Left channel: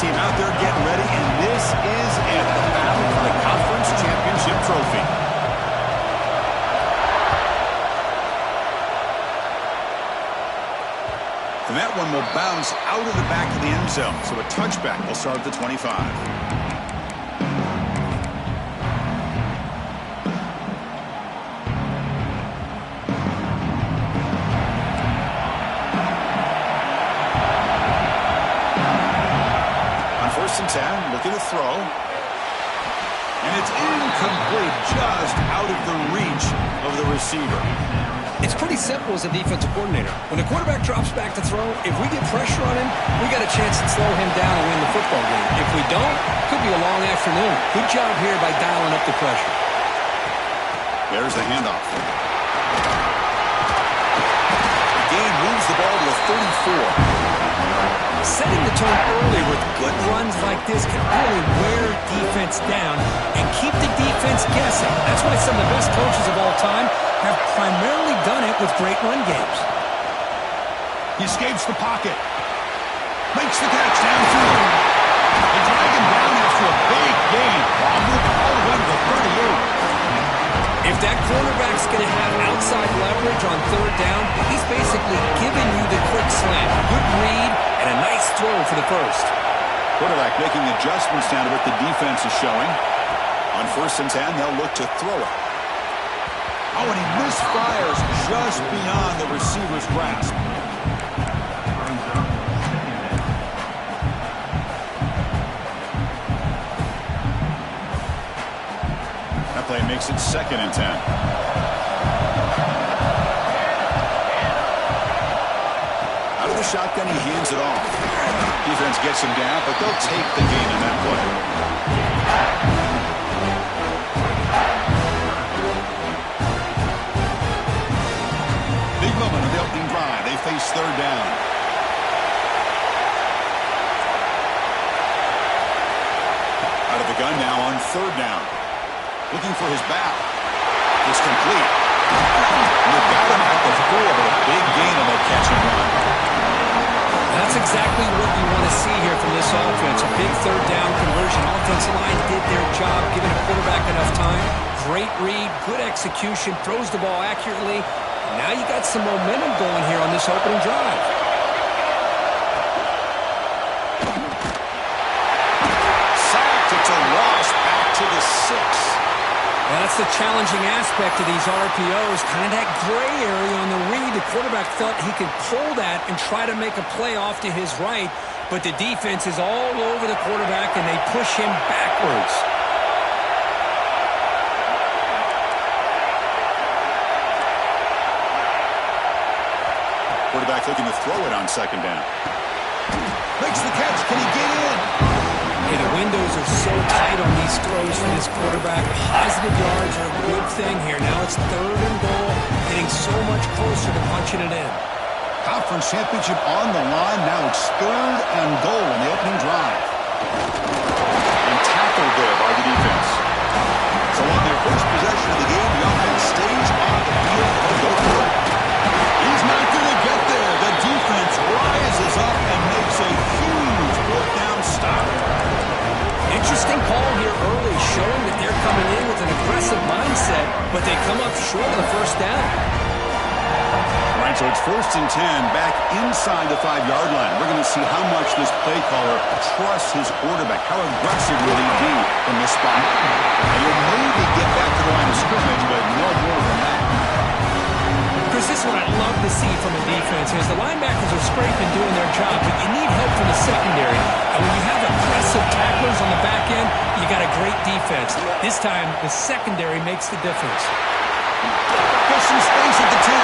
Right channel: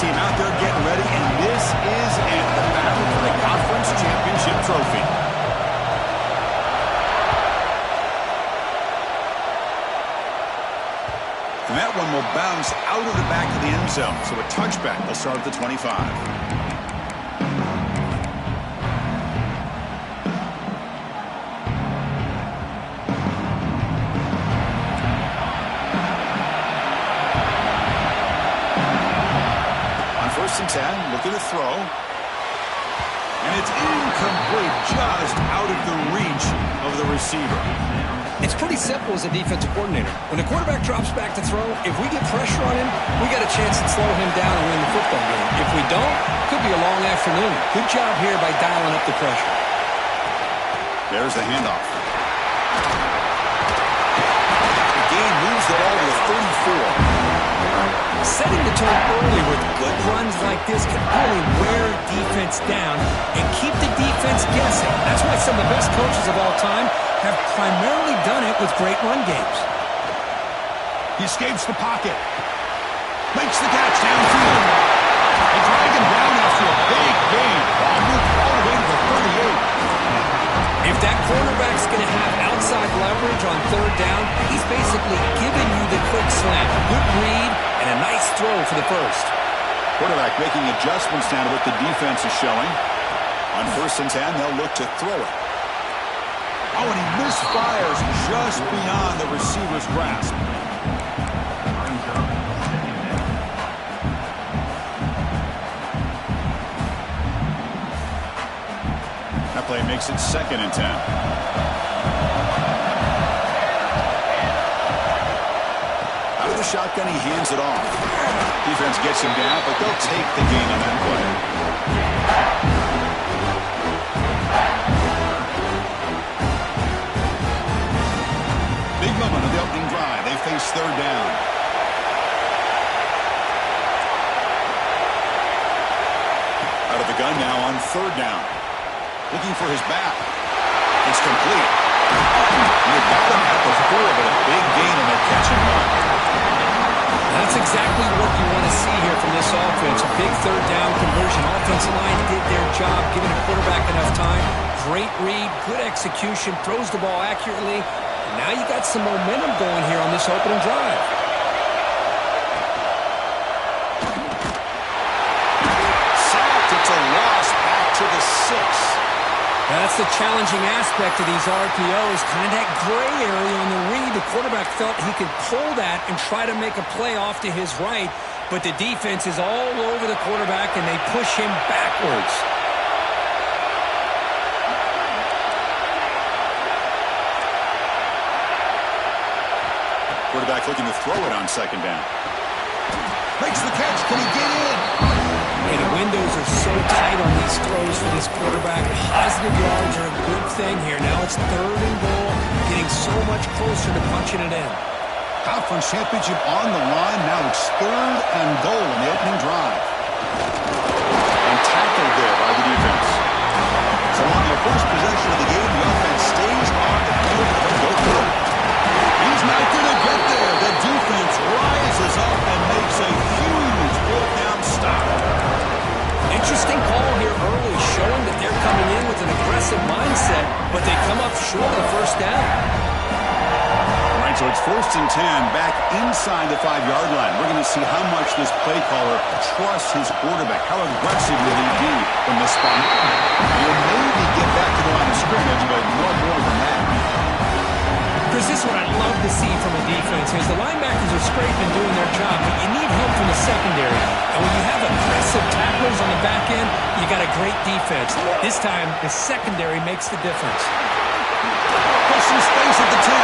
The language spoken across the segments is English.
team out there getting ready, and this is it, the battle for the conference championship trophy. And that one will bounce out of the back of the end zone, so a touchback will start at the 25. First and 10, looking to throw. And it's incomplete, just out of the reach of the receiver. It's pretty simple as a defensive coordinator. When the quarterback drops back to throw, if we get pressure on him, we got a chance to slow him down and win the football game. If we don't, could be a long afternoon. Good job here by dialing up the pressure. There's the handoff. The game moves the ball to the 34. Setting the tone early with good runs like this can really wear defense down and keep the defense guessing. That's why some of the best coaches of all time have primarily done it with great run games. He escapes the pocket. Makes the catch downfield. They drag him down after a big gain. Ball moved all the way to the 38. If that quarterback's going to have outside leverage on third down, he's basically giving you the quick slant. Good read and a nice throw for the first. Quarterback making adjustments now to what the defense is showing. On first and 10, they'll look to throw it. Oh, and he misfires just beyond the receiver's grasp. That play makes it second and 10. Out of the shotgun, he hands it off. Defense gets him down, but they'll take the gain on that play. Big moment of the opening drive. They face third down. Out of the gun now on third down. Looking for his back. It's complete. And they got him at the 4, but a big gain on that catch and run. That's exactly what you want to see here from this offense. A big third down conversion. Offensive line did their job, giving the quarterback enough time. Great read, good execution, throws the ball accurately. And now you got some momentum going here on this opening drive. Sacked. It's a loss back to the 6. Now that's the challenging aspect of these RPOs, kind of that gray area on the read. The quarterback felt he could pull that and try to make a play off to his right, but the defense is all over the quarterback, and they push him backwards. Quarterback looking to throw it on second down. Makes the catch. Can he get in? Hey, the windows are so tight on these throws for this quarterback. Positive yards are a good thing here. Now it's third and goal, getting so much closer to punching it in. Conference championship on the line. Now it's third and goal in the opening drive. And tackled there by the defense. So on their first possession of the game, the offense stays on the field and they'll go for it. He's not going to get there. The defense rises up and makes a huge fourth down stop. Interesting call here early, showing that they're coming in with an aggressive mindset, but they come up short of the first down. All right, so it's first and 10 back inside the 5-yard line. We're going to see how much this play caller trusts his quarterback. How aggressive will he be from this spot? And he'll maybe get back to the line of scrimmage, but no more than that. Chris, this is what I love to see from a defense is the linebackers are scraping doing their job, but you need help from the secondary. And when you have aggressive tacklers on the back end, you got a great defense. This time, the secondary makes the difference. Push some space at the 10.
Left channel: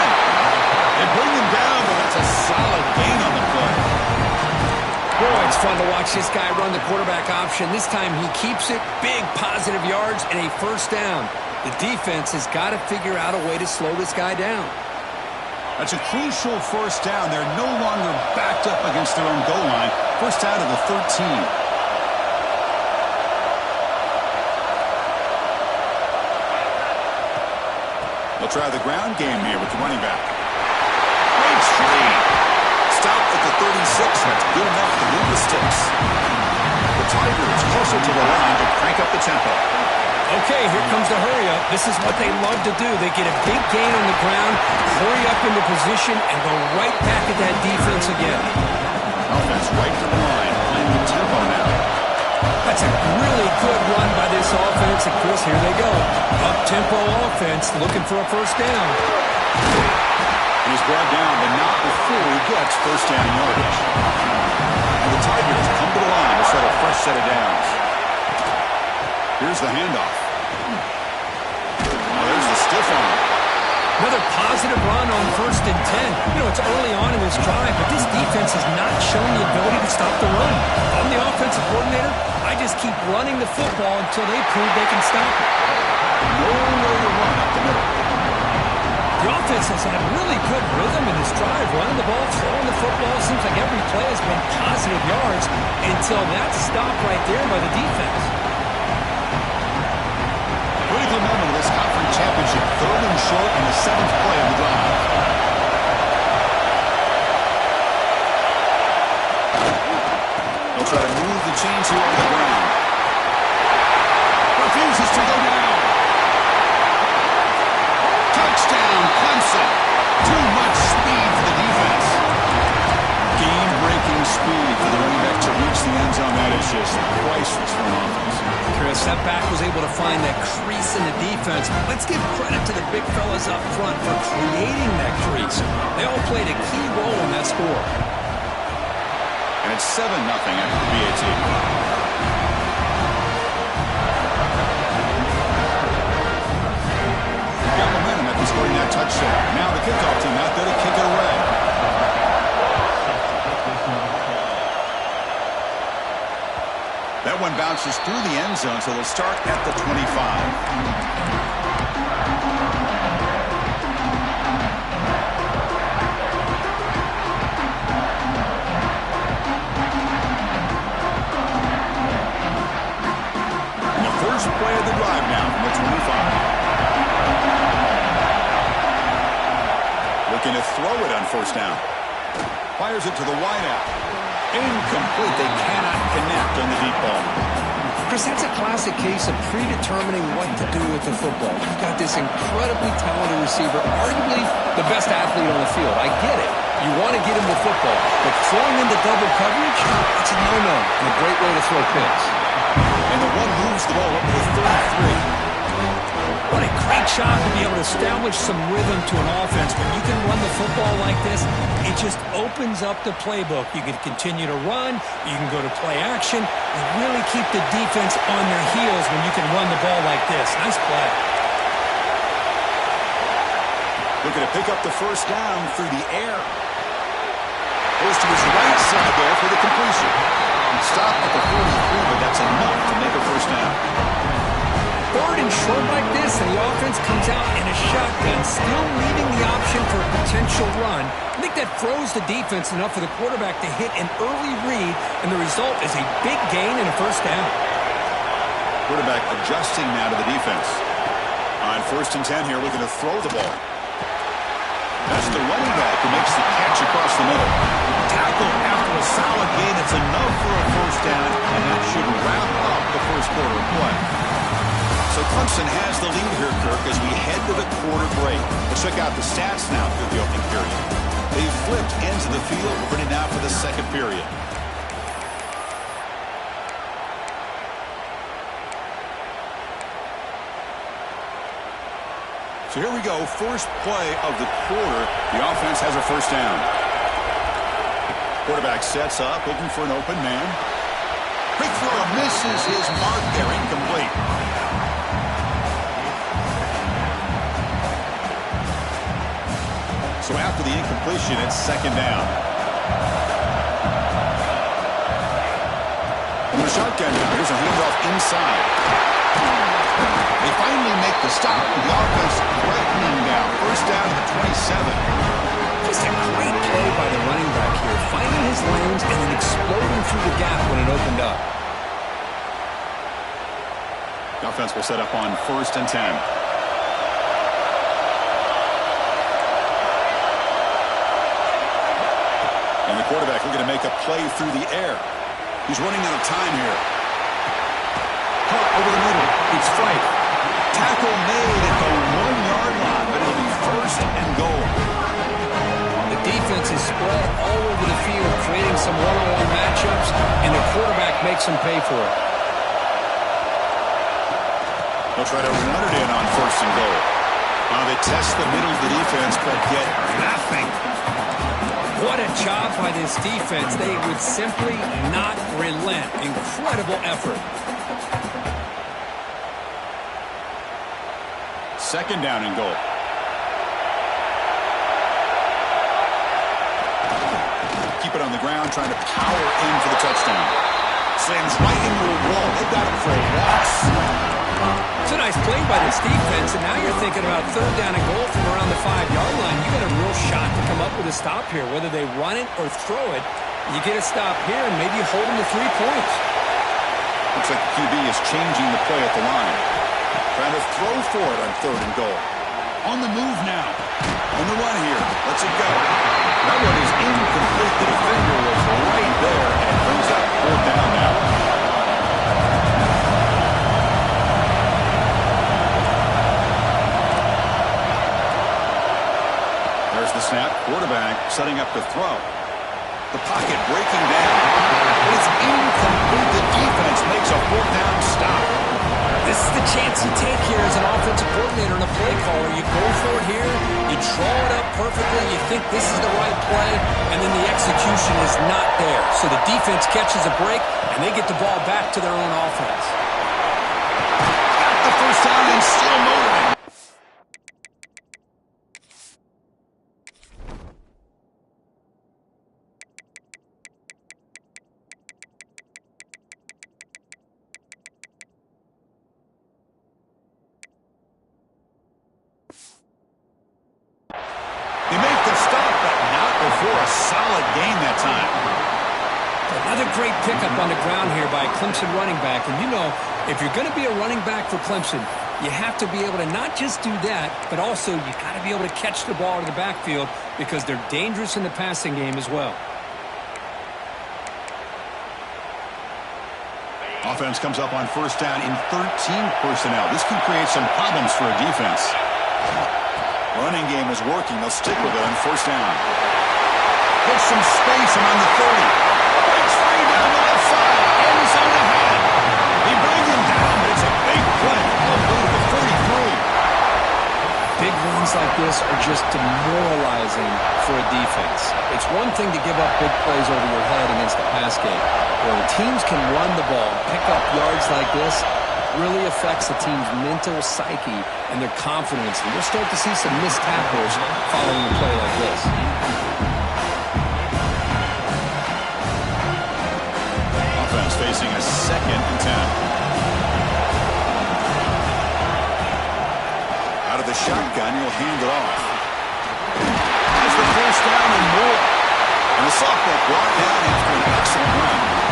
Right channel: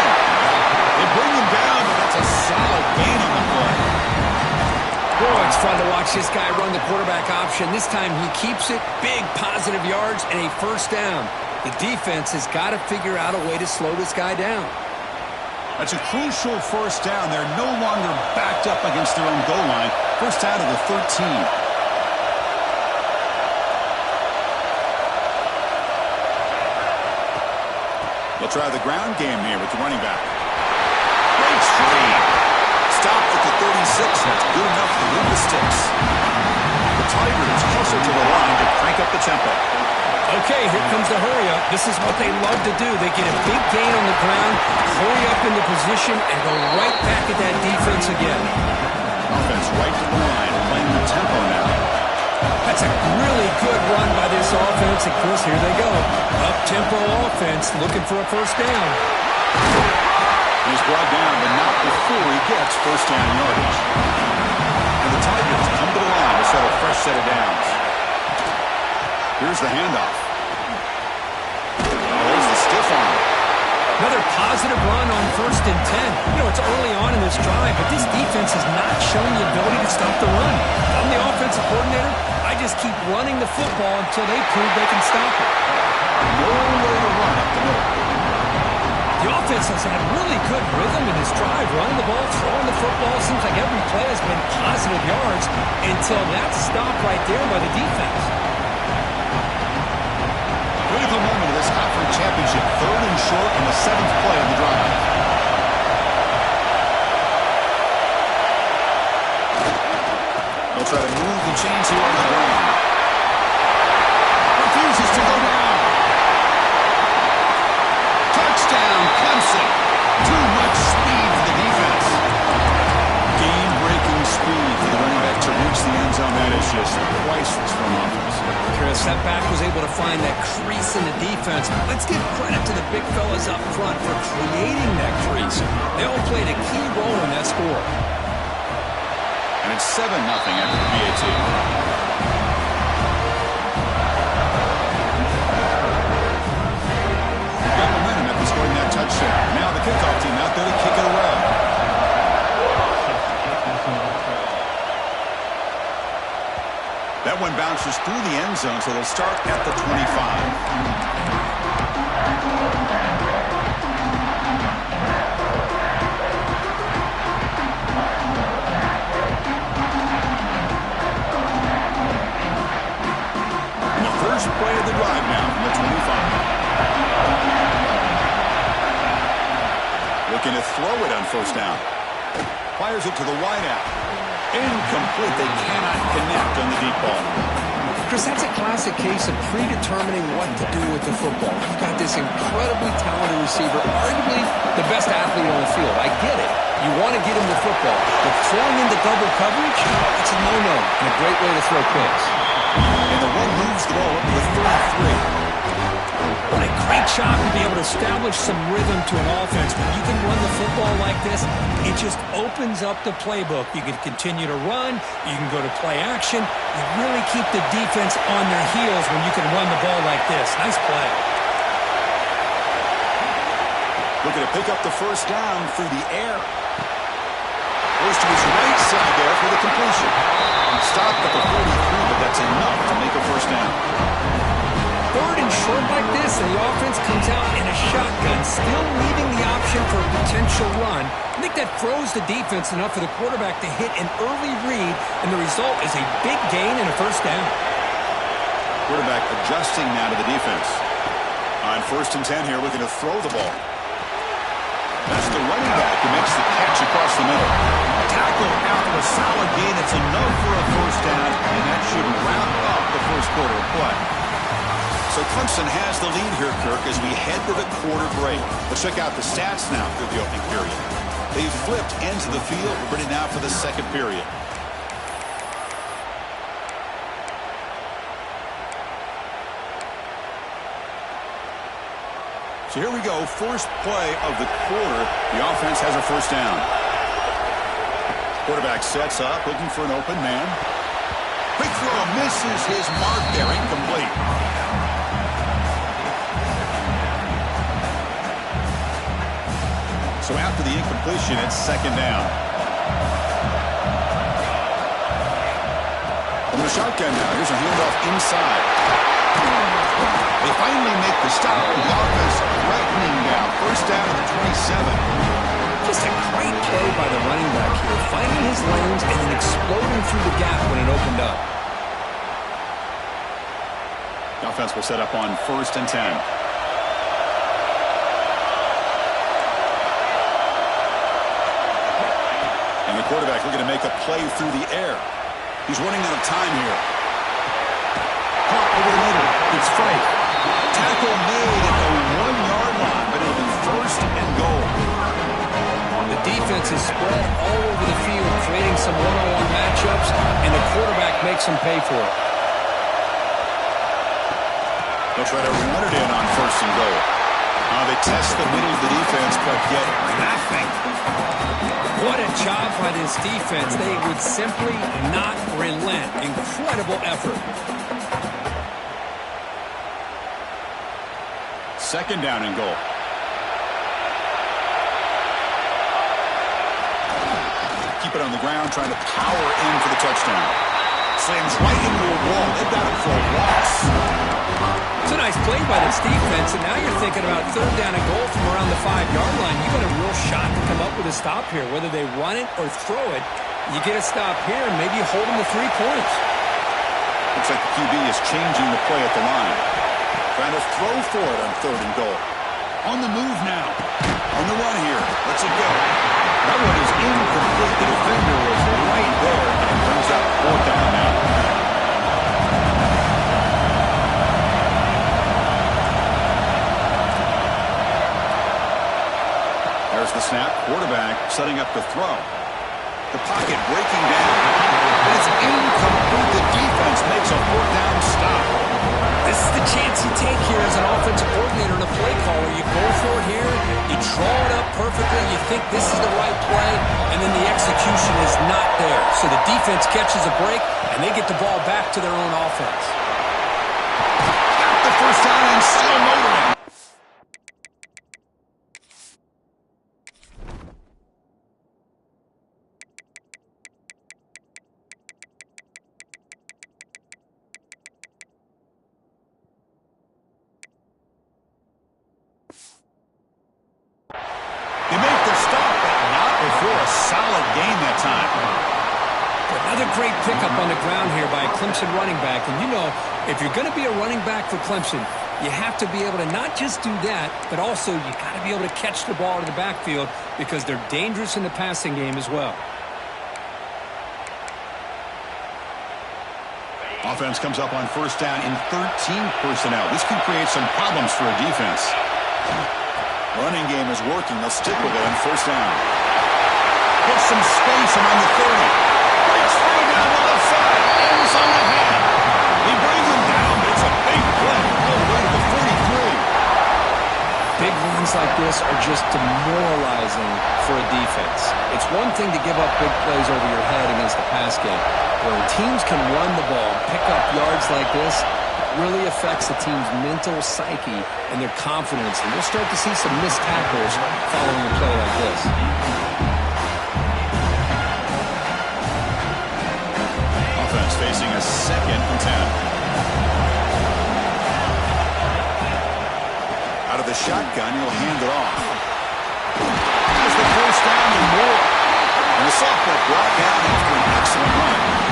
They bring him down, but that's a solid gain on the play. Boy, it's fun to watch this guy run the quarterback option. This time he keeps it, big positive yards, and a first down. The defense has got to figure out a way to slow this guy down. That's a crucial first down. They're no longer backed up against their own goal line. First out of the 13. They'll try the ground game here with the running back. Great screen. Stop at the 36. That's good enough to move the sticks. Tigers closer to the line to crank up the tempo. Okay, here comes the hurry up. This is what they love to do. They get a big gain on the ground, hurry up into position, and go right back at that defense again. Offense right to the line, playing the tempo now. That's a really good run by this offense. And Chris, here they go. Up-tempo offense looking for a first down. And he's brought down, but not before he gets first down yardage. And the Tigers come to the line to set a fresh set of downs. Here's the handoff. There's the stiff arm. Another positive run on 1st and 10. You know, it's early on in this drive, but this defense has not shown the ability to stop the run. If I'm the offensive coordinator, I just keep running the football until they prove they can stop it. Nowhere to run up the middle. The offense has had really good rhythm in this drive, running the ball, throwing the football. Seems like every play has been positive yards until that stop right there by the defense. Critical moment of this conference championship. 3rd and short on the 7th play of the drive. They'll try to move the chains here on the ground. Refuses to go down. Touchdown, Clemson. Too much speed for the defense. Game-breaking speed for the running back to reach the end zone. That is just priceless for an offense. Chris, that back was able to find that crease in the defense. Let's give credit to the big fellas up front for creating that crease. They all played a key role in that score. And it's 7-0 after the PAT. Got momentum after scoring that touchdown. Now the kickoff team out there to kick it away. That one bounces through the end zone, so they'll start at the 25. And the first play of the drive now from the 25. Looking to throw it on first down. Fires it to the wideout. Incomplete. They cannot connect on the deep ball. Chris, that's a classic case of predetermining what to do with the football. You've got this incredibly talented receiver, arguably the best athlete on the field. I get it. You want to get him the football. But throwing into double coverage, that's a no-no and a great way to throw picks. And the one moves the ball up to the 33. What a great job to be able to establish some rhythm to an offense. When you can run the football like this, it just opens up the playbook. You can continue to run. You can go to play action. You really keep the defense on their heels when you can run the ball like this. Nice play. Looking to pick up the first down through the air. Goes to his right side there for the completion. Stopped at the 43, but that's enough to make a first down. 3rd and short like this, and the offense comes out in a shotgun, still leaving the option for a potential run. I think that throws the defense enough for the quarterback to hit an early read, and the result is a big gain and a first down. Quarterback adjusting now to the defense. On 1st and 10 here, looking to throw the ball. That's the running back who makes the catch across the middle. Tackle after a solid gain. It's enough for a first down, and that should wrap up the first quarter of play. So Clemson has the lead here, Kirk, as we head to the quarter break. Let's check out the stats now through the opening period. They've flipped into the field. We're ready now for the second period. So here we go. First play of the quarter. The offense has a first down. Quarterback sets up, looking for an open man. Quick throw, misses his mark there. Incomplete. So after the incompletion, it's second down. From the shotgun now, here's a handoff inside. They finally make the stop. The offense threatening now. First down to the 27. Just a great play by the running back here, finding his lanes and then exploding through the gap when it opened up. The offense will set up on 1st and 10. And the quarterback looking to make a play through the air. He's running out of time here. Caught over the middle. It's Fight. Tackle made at the 1-yard line, but it'll be first and goal. The defense is spread all over the field, creating some one-on-one matchups, and the quarterback makes them pay for it. They'll try to run it in on first and goal. They test the middle of the defense, but get nothing. What a job by this defense. They would simply not relent. Incredible effort. Second down and goal. Keep it on the ground, trying to power in for the touchdown. Slams right into a wall. They've got it for a loss. It's a nice play by this defense, and now you're thinking about third down and goal from around the 5-yard line. You got a real shot to come up with a stop here. Whether they run it or throw it, you get a stop here, and maybe you hold them to 3 points. Looks like the QB is changing the play at the line. Trying to throw for it on third and goal. On the move now. On the run here. Lets it go. That one is incomplete. The defender was right there, and it brings up fourth down now. There's the snap. Quarterback setting up to throw. The pocket breaking down. But it's incomplete. The defense makes a fourth down stop. This is the chance you take here as an offensive coordinator and a play caller. You go for it here. You draw it up perfectly. You think this is the right play, and then the execution is not there. So the defense catches a break, and they get the ball back to their own offense. Got the first down and still motoring. They make the stop, but not before a solid gain that time. Another great pickup on the ground here by a Clemson running back. And you know, if you're going to be a running back for Clemson, you have to be able to not just do that, but also you got to be able to catch the ball to the backfield because they're dangerous in the passing game as well. Offense comes up on first down in 13 personnel. This can create some problems for a defense. Running game is working. They'll stick with it on first down. Gets some space around the 30. Breaks free down the left side. End zone ahead. He brings him down, but it's a big play all the way to the 43. Big runs like this are just demoralizing for a defense. It's one thing to give up big plays over your head against the pass game. When teams can run the ball and pick up yards like this, really affects the team's mental psyche and their confidence. And we'll start to see some missed tackles following a play like this. Offense facing a 2nd and 10. Out of the shotgun, he'll hand it off. Has the first down and more. And the sophomore brought down after an excellent run.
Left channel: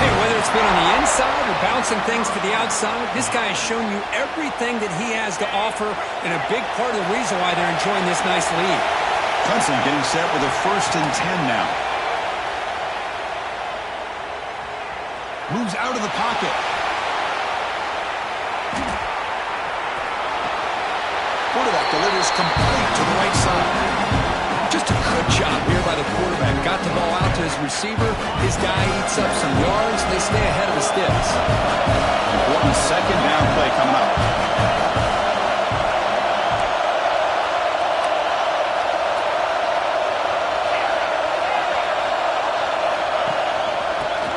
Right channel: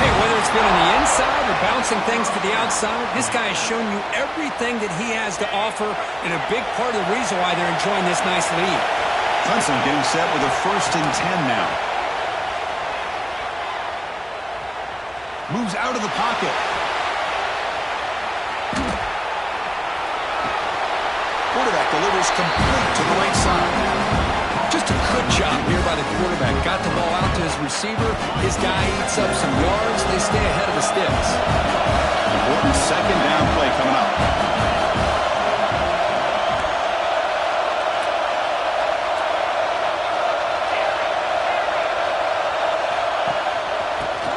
Hey, whether it's been on the inside or bouncing things to the outside, this guy has shown you everything that he has to offer, and a big part of the reason why they're enjoying this nice lead. Clemson getting set with a 1st and 10 now. Moves out of the pocket. Quarterback delivers complete to the right side. Just a good job here by the quarterback. Got the ball out to his receiver. His guy eats up some yards. They stay ahead of the sticks. Important 2nd down play coming up.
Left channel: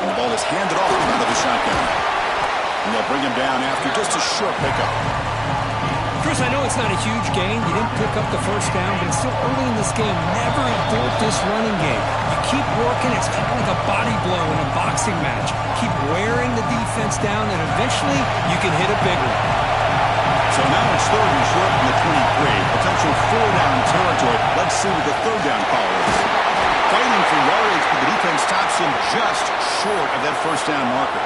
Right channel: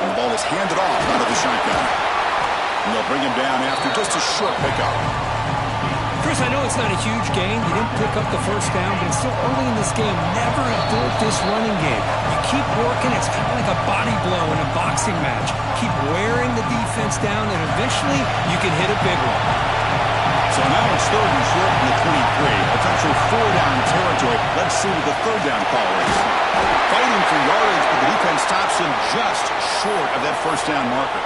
And the ball is handed off out of the shotgun. And they'll bring him down after just a short pickup. Chris, I know it's not a huge gain. You didn't pick up the first down, but it's still early in this game. Never abort this running game. You keep working. It's kind of like a body blow in a boxing match. Keep wearing the defense down, and eventually you can hit a big one. So now it's 3rd and short from the 23. Potential 4-down territory. Let's see what the 3rd down call is. Fighting for yardage, but the defense stops him just short of that first down marker.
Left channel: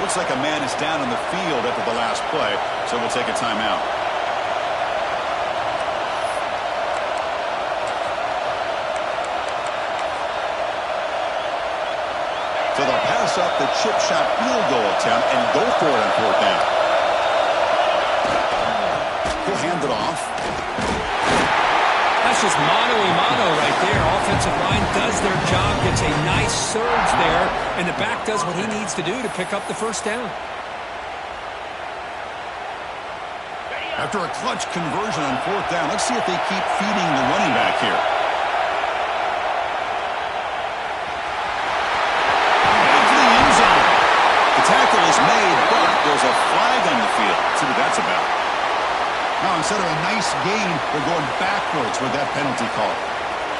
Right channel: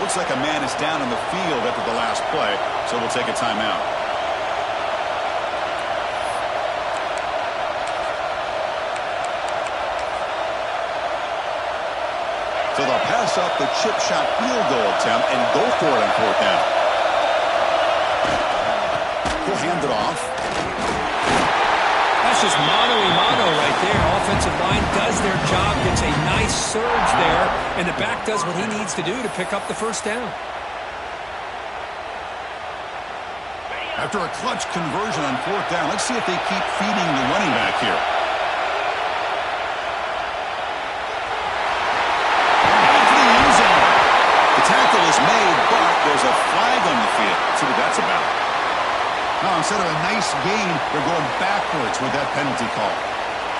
Looks like a man is down on the field after the last play, so we'll take a timeout. So they'll pass pass up the chip shot field goal attempt and go for it on fourth down. He'll hand it off. That's just mano-a-mano right there. Offensive line does their job, gets a nice surge there, and the back does what he needs to do to pick up the first down. After a clutch conversion on fourth down, let's see if they keep feeding the running back here. Heading to the end zone. The tackle is made, but there's a flag on the field. Let's see what that's about. Now, instead of a nice gain, they're going backwards with that penalty call.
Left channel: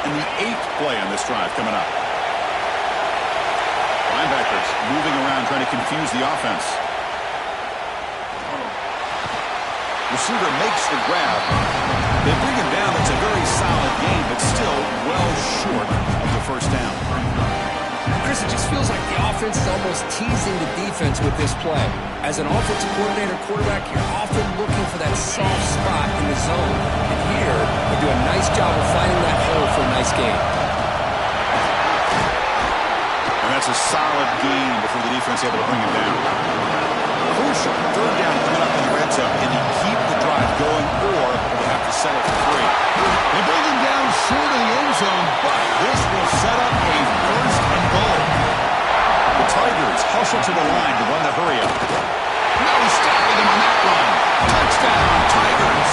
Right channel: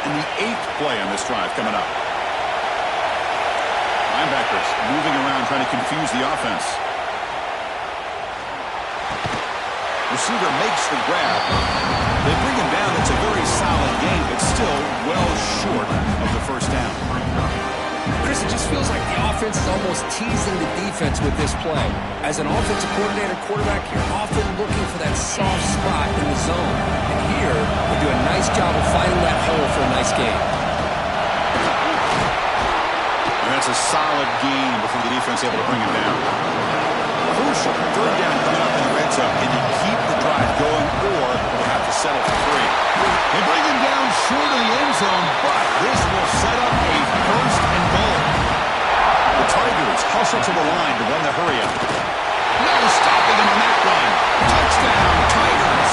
And the 8th play on this drive coming up. Linebackers moving around, trying to confuse the offense. Receiver makes the grab. They bring him down. It's a very solid game, but still well short of the first down. Chris, it just feels like the offense is almost teasing the defense with this play. As an offensive coordinator, quarterback, you're often looking for that soft spot in the zone. And here, they do a nice job of finding that hole for a nice gain. And that's a solid gain before the defense able to bring him down. Crucial third down coming up in the red zone. Can you keep the drive going, or will have to settle for 3? They bring him down short of the end zone, but this will set up a first and goal. The Tigers hustle to the line to run the hurry up. No stopping them on that run. Touchdown, Tigers.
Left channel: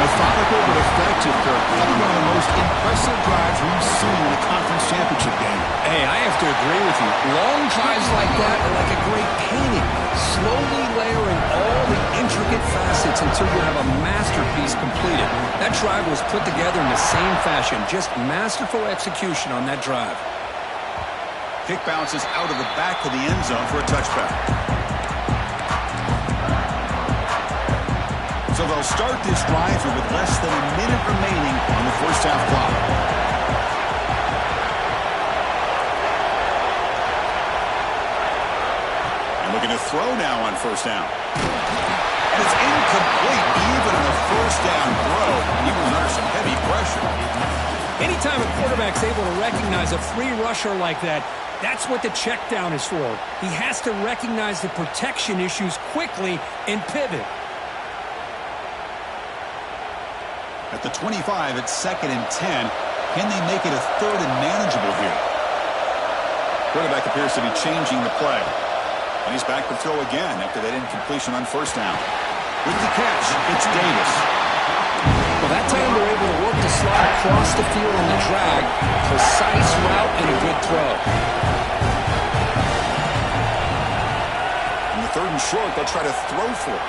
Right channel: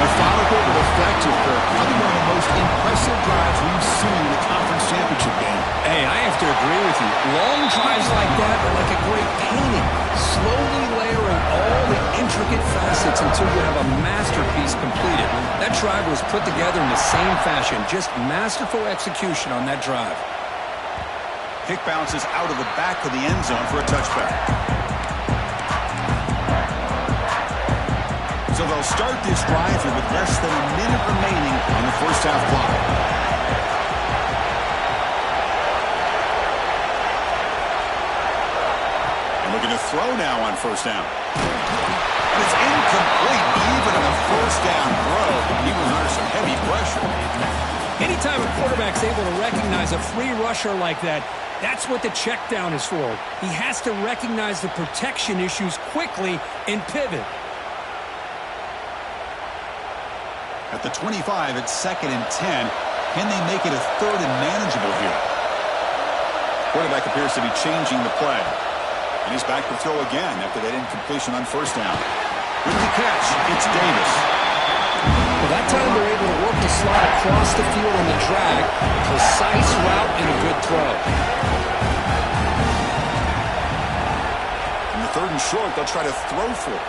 Methodical but effective, Kirk. Probably one of the most impressive drives we've seen in a conference championship game. Hey, I have to agree with you. Long drives like that are like a great painting, slowly layering all the intricate facets until you have a masterpiece completed. That drive was put together in the same fashion, just masterful execution on that drive. Kick bounces out of the back of the end zone for a touchback. So they'll start this drive here with less than a minute remaining on the first half clock. And looking to throw now on first down. And it's incomplete even on the first down throw. He was under some heavy pressure. Anytime a quarterback's able to recognize a free rusher like that, that's what the check down is for. He has to recognize the protection issues quickly and pivot. At the 25, it's 2nd and 10. Can they make it a 3rd and manageable here? Quarterback appears to be changing the play. And he's back to throw again after that incompletion on first down. With the catch, it's Davis. Well, that time they're able to work the slot across the field on the drag. Precise route and a good throw. In the 3rd and short, they'll try to throw for it.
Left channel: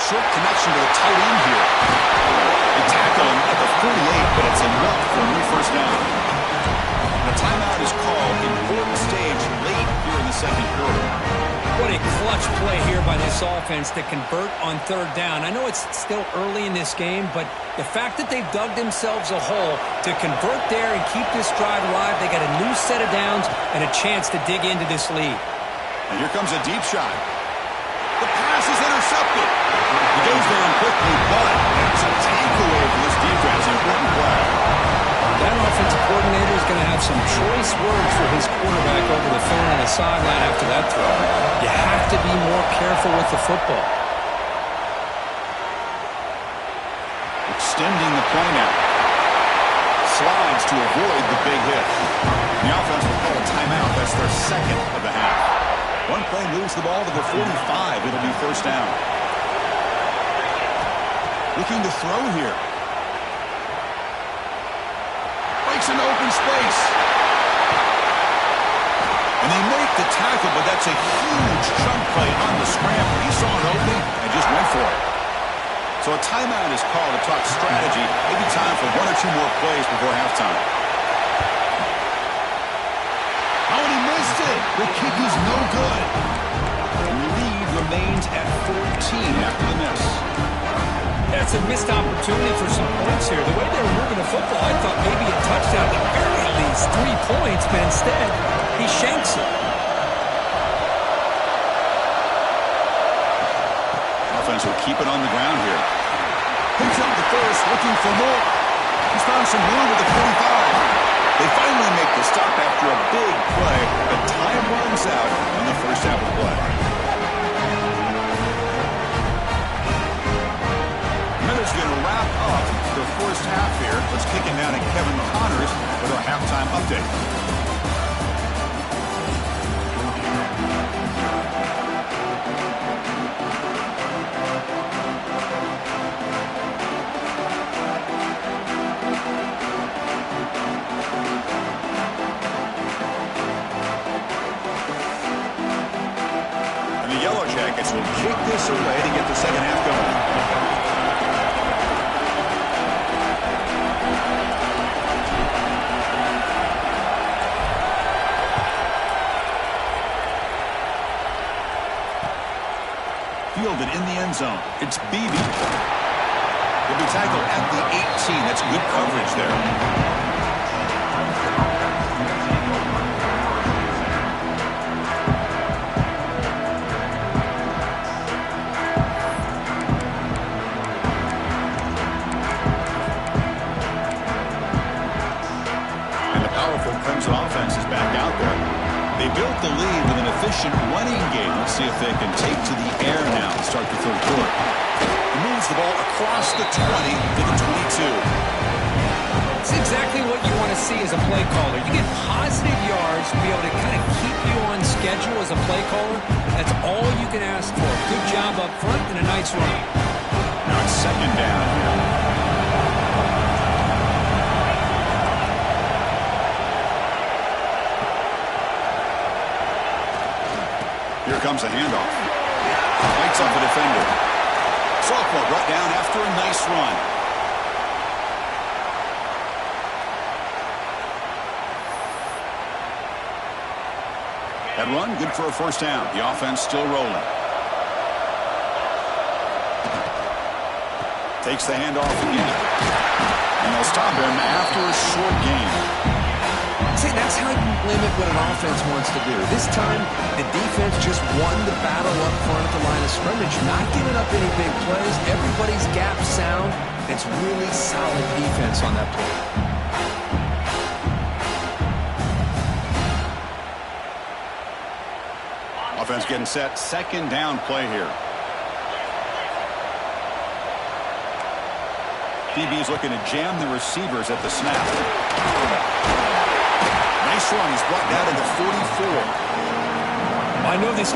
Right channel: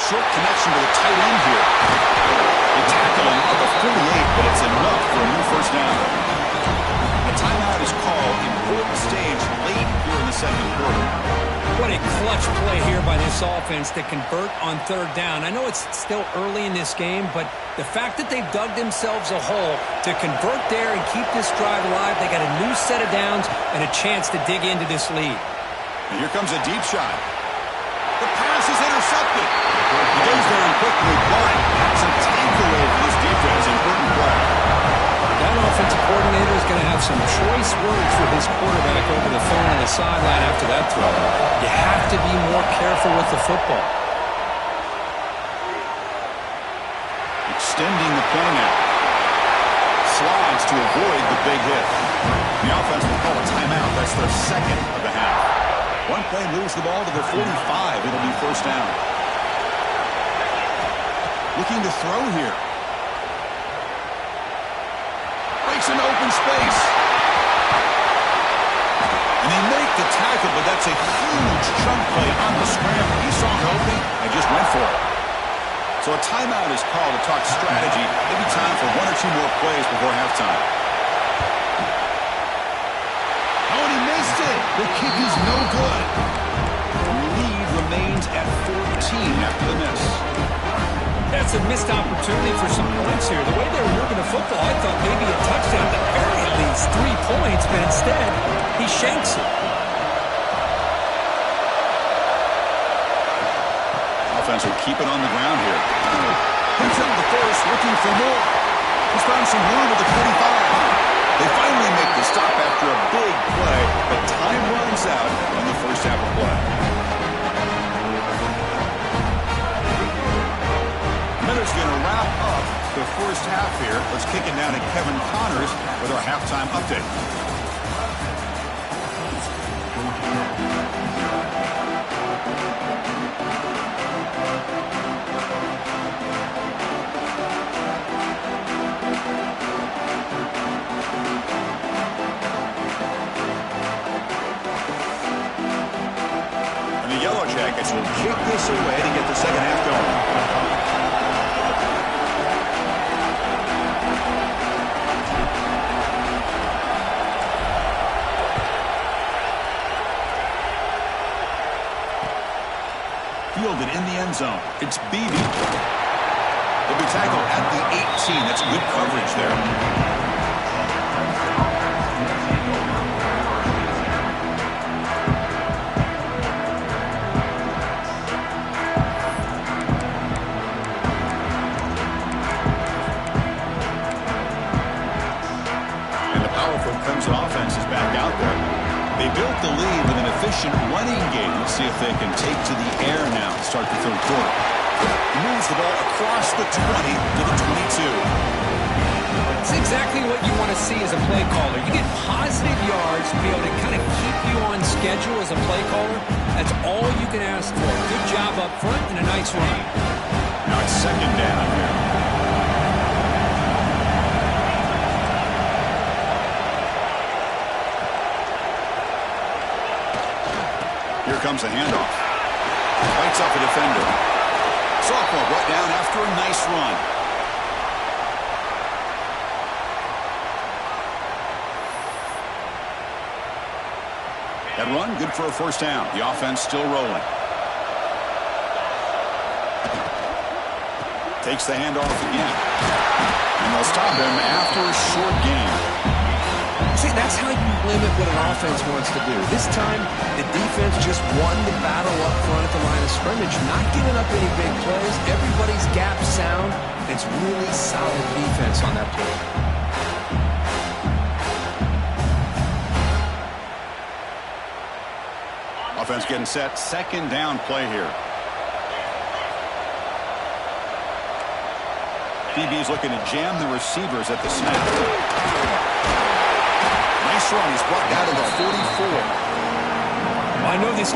Short connection to the tight end here. They tackle him at the 48, but it's enough for a new first down. The timeout is called. Important stage late here in the 2nd quarter. What a clutch play here by this offense to convert on 3rd down. I know it's still early in this game, but the fact that they've dug themselves a hole to convert there and keep this drive alive, they got a new set of downs and a chance to dig into this lead. And here comes a deep shot. The pass is intercepted. He goes down quickly, but that's a takeaway for this defense. Important play. That offensive coordinator is going to have some choice words for his quarterback over the phone on the sideline after that throw. You have to be more careful with the football. Extending the play now. Slides to avoid the big hit. The offense will call a timeout. That's their 2nd of the half. One play moves the ball to the 45. It'll be first down. Looking to throw here. Breaks into open space. And they make the tackle, but that's a huge chunk play on the scramble. He saw an opening and just went for it. So a timeout is called to talk strategy. Maybe time for 1 or 2 more plays before halftime. Oh, and he missed it. The kick is no good. The lead remains at 14 after the miss. That's a missed opportunity for some points here. The way they were moving the football, I thought maybe a touchdown, at the very least 3 points, but instead, he shanks it. Offense will keep it on the ground here. Picks up the first, looking for more. He's found some room at the 45. They finally make the The stop after a big play, but time runs out on the first half of play. Miller's going to wrap up the first half here. Let's kick it down to Kevin Connors with our halftime update. And the Yellow Jackets will kick this away to get the second half going. Fielded in the end zone. It's Beebe. He'll be tackled at the 18. That's good coverage there. And the powerful Clemson offense is back out there. They built the lead with an efficient running game. Let's see if they can take to the air now to start the third quarter. He moves the ball across the 20 to the 22. It's exactly what you want to see as a play caller. You get positive yards to be able to kind of keep you on schedule as a play caller. That's all you can ask for. Good job up front and a nice run. Now it's second down here. Here comes the handoff. Fights off a defender. Sophomore brought down after a nice run. That run, good for a first down. The offense still rolling. Takes the handoff again. And they'll stop him after a short gain. See, that's how you limit what an offense wants to do. This time, the defense just won the battle up front at the line of scrimmage, not giving up any big plays. Everybody's gap sound. It's really solid defense on that play. Offense getting set. Second down play here. DB's looking to jam the receivers at the snap. Nice run. He's brought down to the 44. I know this.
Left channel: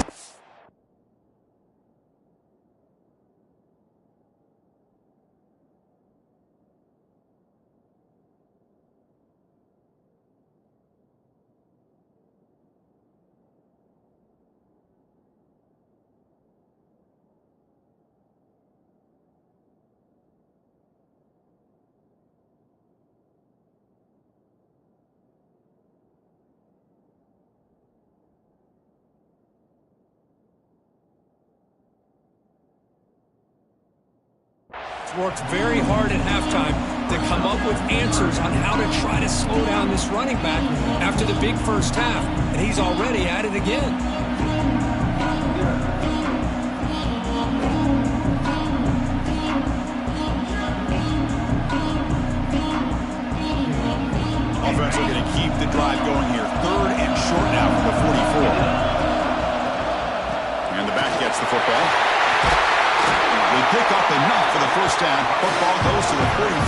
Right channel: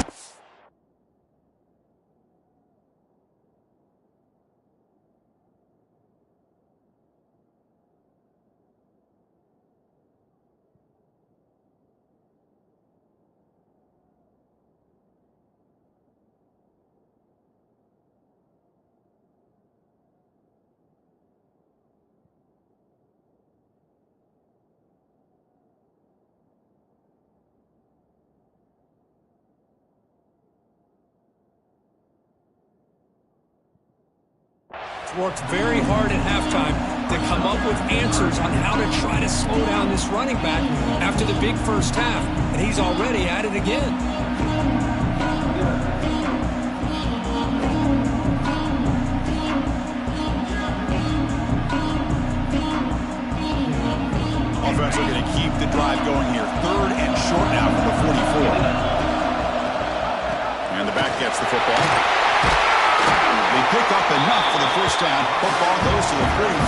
Worked very hard at halftime to come up with answers on how to try to slow down this running back after the big first half, and he's already at it again. Offense looking to keep the drive going here. Third and short now for the 44. And the back gets the football. They pick up enough for the first down. Football goes to the 45.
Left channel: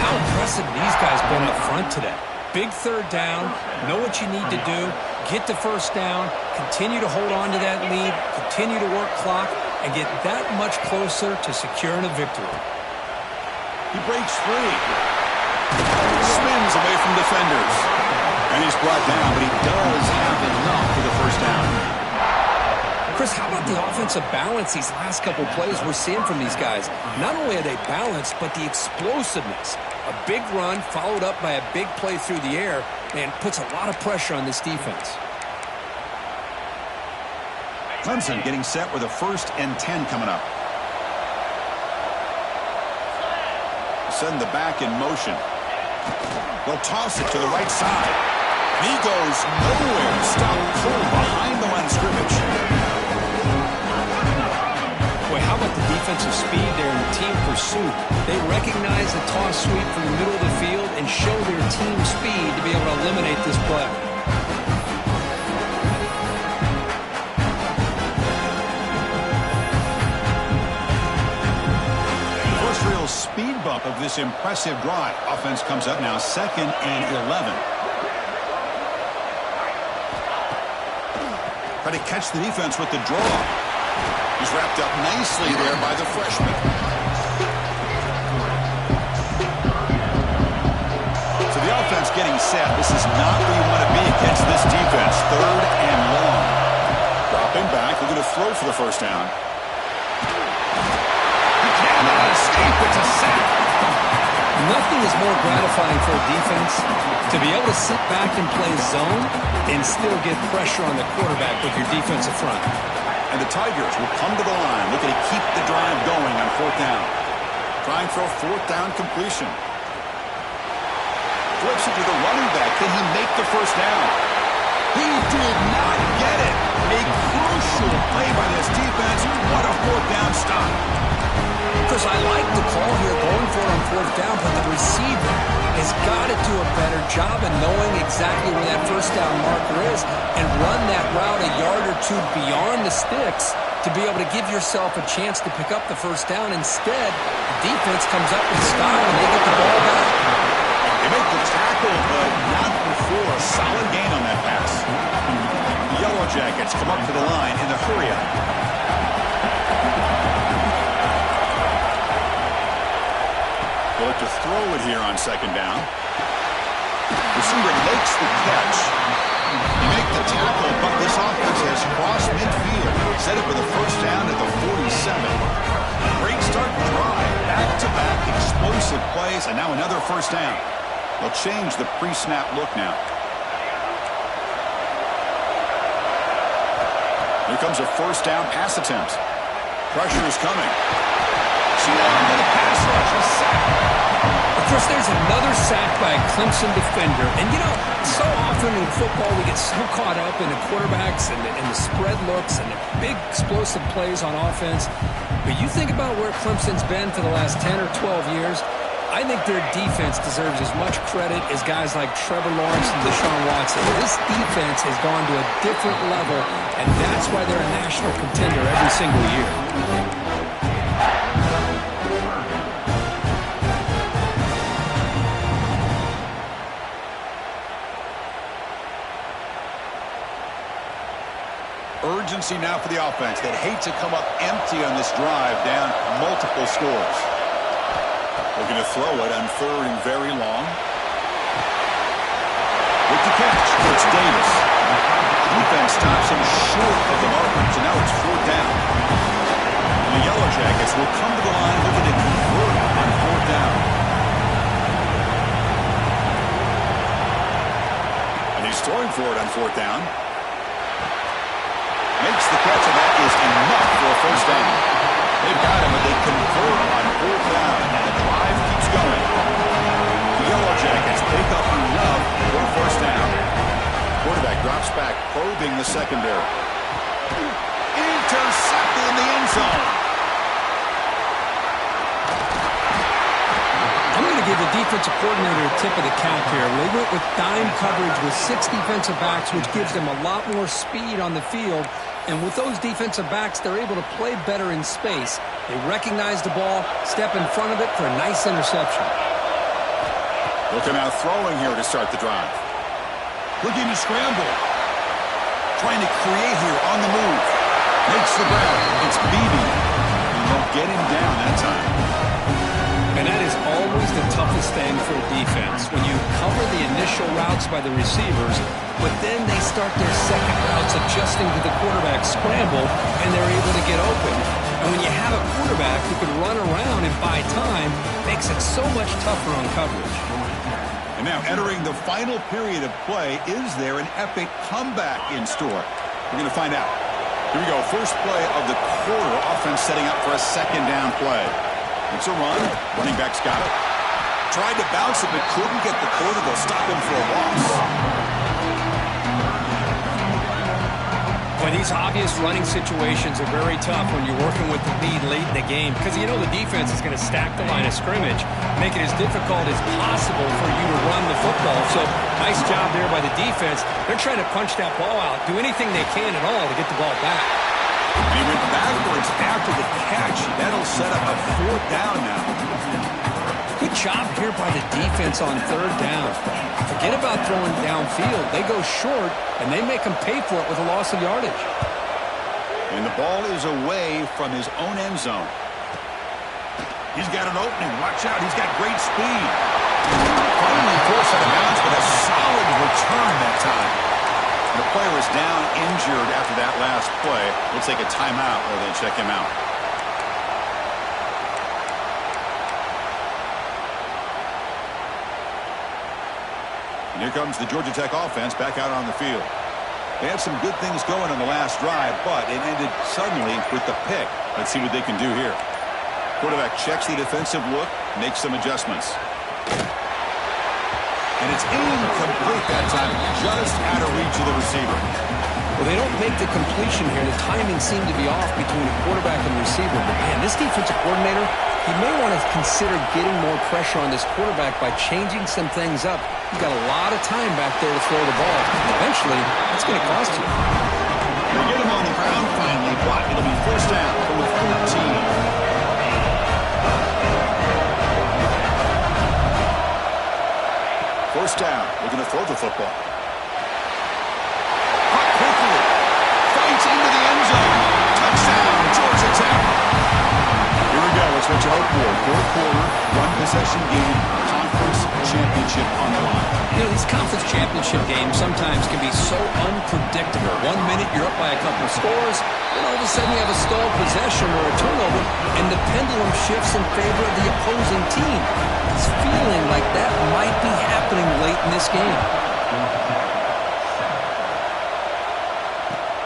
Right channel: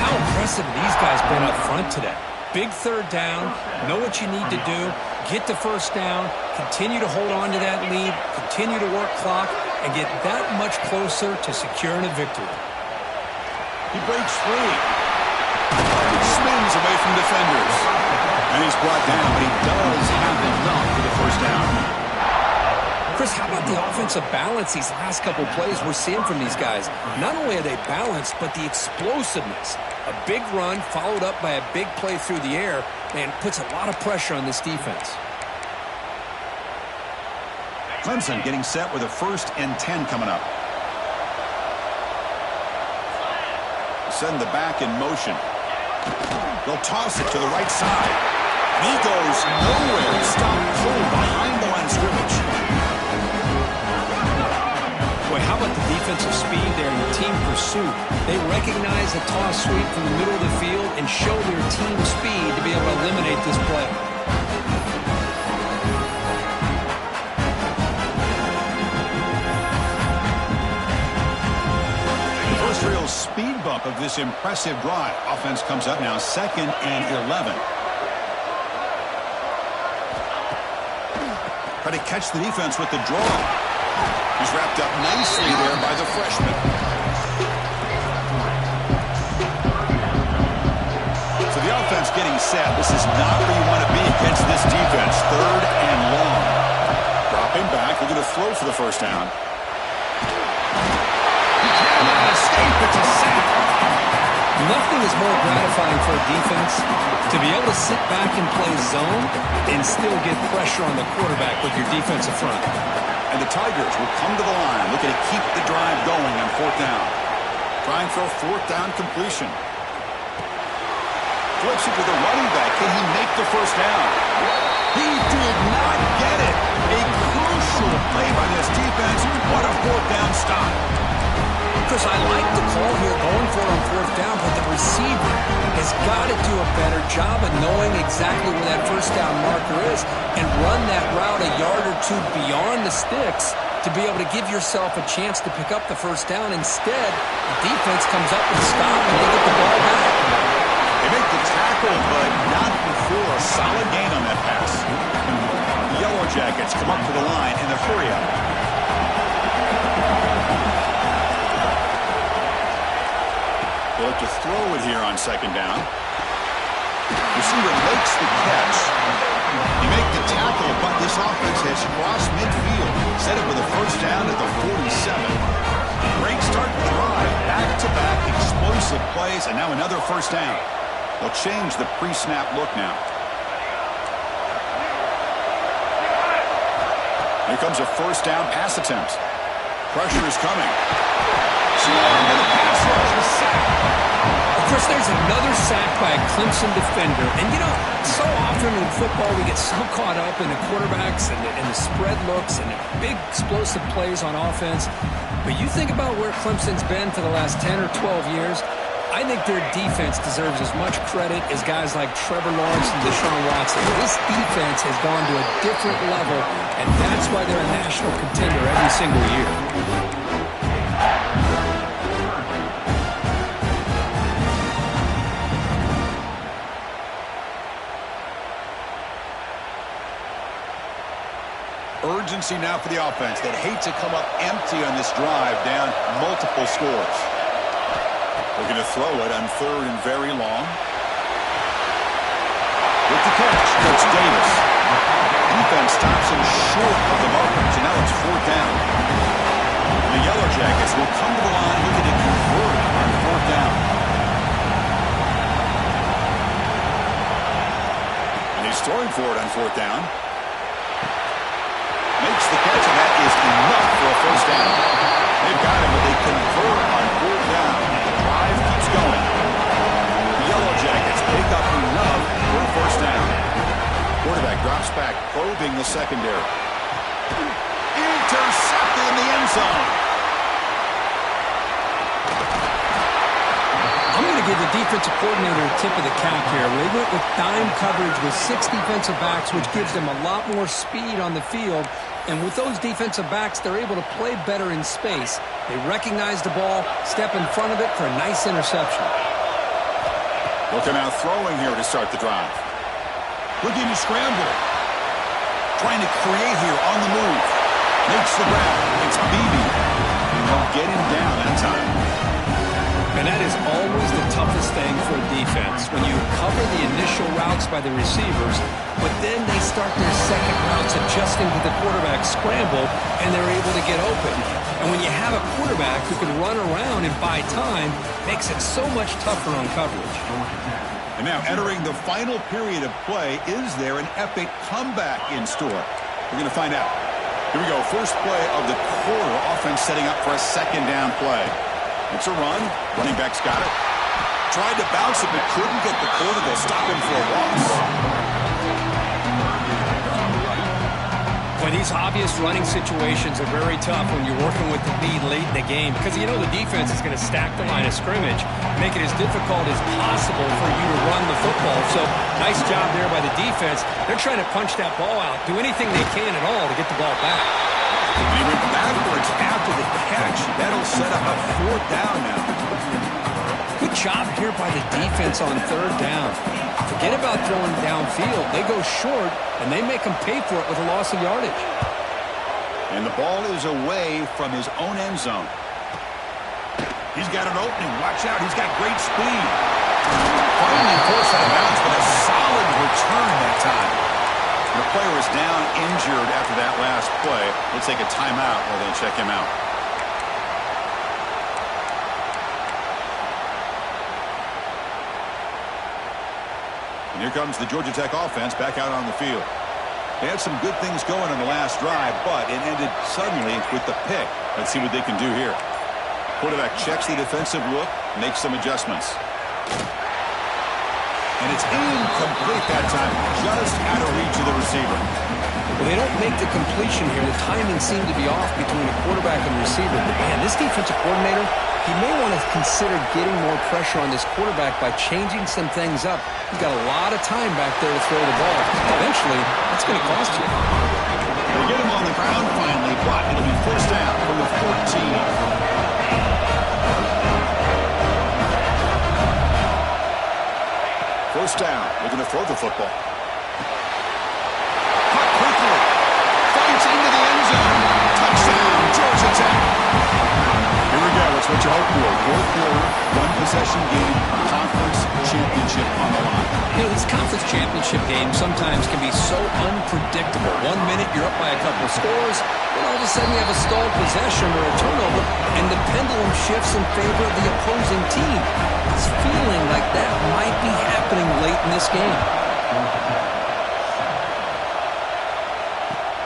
How impressive these guys been up front today. Big third down, know what you need to do, get the first down, continue to hold on to that lead, continue to work clock, and get that much closer to securing a victory. He breaks free. Spins away from defenders. And he's brought down, but he does have enough for the first down. Chris, how about the offensive balance these last couple plays we're seeing from these guys? Not only are they balanced, but the explosiveness. A big run followed up by a big play through the air and puts a lot of pressure on this defense. Clemson getting set with a 1st and 10 coming up. Send the back in motion. They'll toss it to the right side. And he goes nowhere. Stop cold behind the line of scrimmage. Boy, how about the defensive speed there and the team pursuit? They recognize the toss sweep from the middle of the field and show their team speed to be able to eliminate this play. The first real speed bump of this impressive drive. Offense comes up now 2nd and 11. Try to catch the defense with the draw. He's wrapped up nicely there by the freshman. So the offense getting set. This is not where you want to be against this defense. 3rd and long. Dropping back, looking to throw for the first down. He cannot escape. It's a sack. Nothing is more gratifying for a defense to be able to sit back and play zone and still get pressure on the quarterback with your defensive front. And the Tigers will come to the line, looking to keep the drive going on 4th down. Trying for a 4th down completion. Flips it to the running back. Can he make the first down? He did not get it. A crucial play by this defense. What a 4th down stop. Chris, I like the call here going for it on 4th down, but the receiver has got to do a better job of knowing exactly where that first down marker is and run that route a yard or two beyond the sticks to be able to give yourself a chance to pick up the first down. Instead, the defense comes up with a stop and they get the ball back. They make the tackle, but not before a solid gain on that pass. The Yellow Jackets come up to the line in the hurry-up. They'll look to throw it here on 2nd down. Receiver makes the catch. They make the tackle, but this offense has crossed midfield. Set it for the first down at the 47. Great start to the drive. Back-to-back explosive plays, and now another first down. They'll change the pre-snap look now. Here comes a first down pass attempt. Pressure is coming. Swarm with a pass rush, a sack. Of course, there's another sack by a Clemson defender. And, you know, so often in football we get so caught up in the quarterbacks and the spread looks and the big explosive plays on offense. But you think about where Clemson's been for the last 10 or 12 years, I think their defense deserves as much credit as guys like Trevor Lawrence and Deshaun Watson. This defense has gone to a different level, and that's why they're a national contender every single year. Urgency now for the offense that hate to come up empty on this drive, down multiple scores. Looking to throw it on 3rd and very long. With the catch, it's Davis. Defense stops him short of the marker, so now it's 4th down. And the Yellow Jackets will come to the line looking to convert on 4th down. And he's throwing for it on 4th down. Makes the catch, and that is enough for a first down. They've got him, but they convert on 4th down, and the drive keeps going. The Yellow Jackets pick up enough for a first down. Quarterback drops back, probing the secondary. Intercepted in the end zone. I'm going to give the defensive coordinator a tip of the cap here. They went with dime coverage with 6 defensive backs, which gives them a lot more speed on the field. And with those defensive backs, they're able to play better in space. They recognize the ball, step in front of it for a nice interception. Looking out throwing here to start the drive. Looking to scramble. Trying to create here on the move. Makes the ground. It's Beebe. And they'll get him down that time. And that is always the toughest thing for a defense, when you cover the initial routes by the receivers, but then they start their second routes adjusting to the quarterback scramble, and they're able to get open. And when you have a quarterback who can run around and buy time, makes it so much tougher on coverage. And now entering the final period of play, is there an epic comeback in store? We're going to find out. Here we go. First play of the quarter. Offense setting up for a 2nd down play. It's a run. Running back's got it. Tried to bounce it, but couldn't get the quarter. They'll stop him for a loss. Well, the These obvious running situations are very tough when you're working with the lead late in the game because you know the defense is going to stack the line of scrimmage, make it as difficult as possible for you to run the football. So nice job there by the defense. They're trying to punch that ball out, do anything they can at all to get the ball back. And he went backwards after the catch. That'll set up a 4th down now. Good job here by the defense on 3rd down. Forget about throwing downfield. They go short, and they make them pay for it with a loss of yardage. And the ball is away from his own end zone. He's got an opening. Watch out. He's got great speed. Finally forced out of bounds, but a solid return that time. The player is down injured after that last play. We'll take a timeout while they check him out. And here comes the Georgia Tech offense back out on the field. They had some good things going on the last drive, but it ended suddenly with the pick. Let's see what they can do here. Quarterback checks the defensive look, makes some adjustments. And it's incomplete that time, just out of reach of the receiver. Well, they don't make the completion here. The timing seemed to be off between a quarterback and receiver. But, man, this defensive coordinator, he may want to consider getting more pressure on this quarterback by changing some things up. He's got a lot of time back there to throw the ball. Eventually, that's going to cost you. They get him on the ground finally, but it'll be 1st down from the 14. First down, looking to throw the football. Caught quickly. Fights into the end zone. Touchdown, Georgia Tech. Here we go. It's what you hope for. 4th quarter, 1-possession game, conference championship on the line. You know, these conference championship games sometimes can be so unpredictable. 1 minute you're up by a couple of scores, then all of a sudden you have a stalled possession or a turnover, and the pendulum shifts in favor of the opposing team. It's feeling like that might be happening late in this game.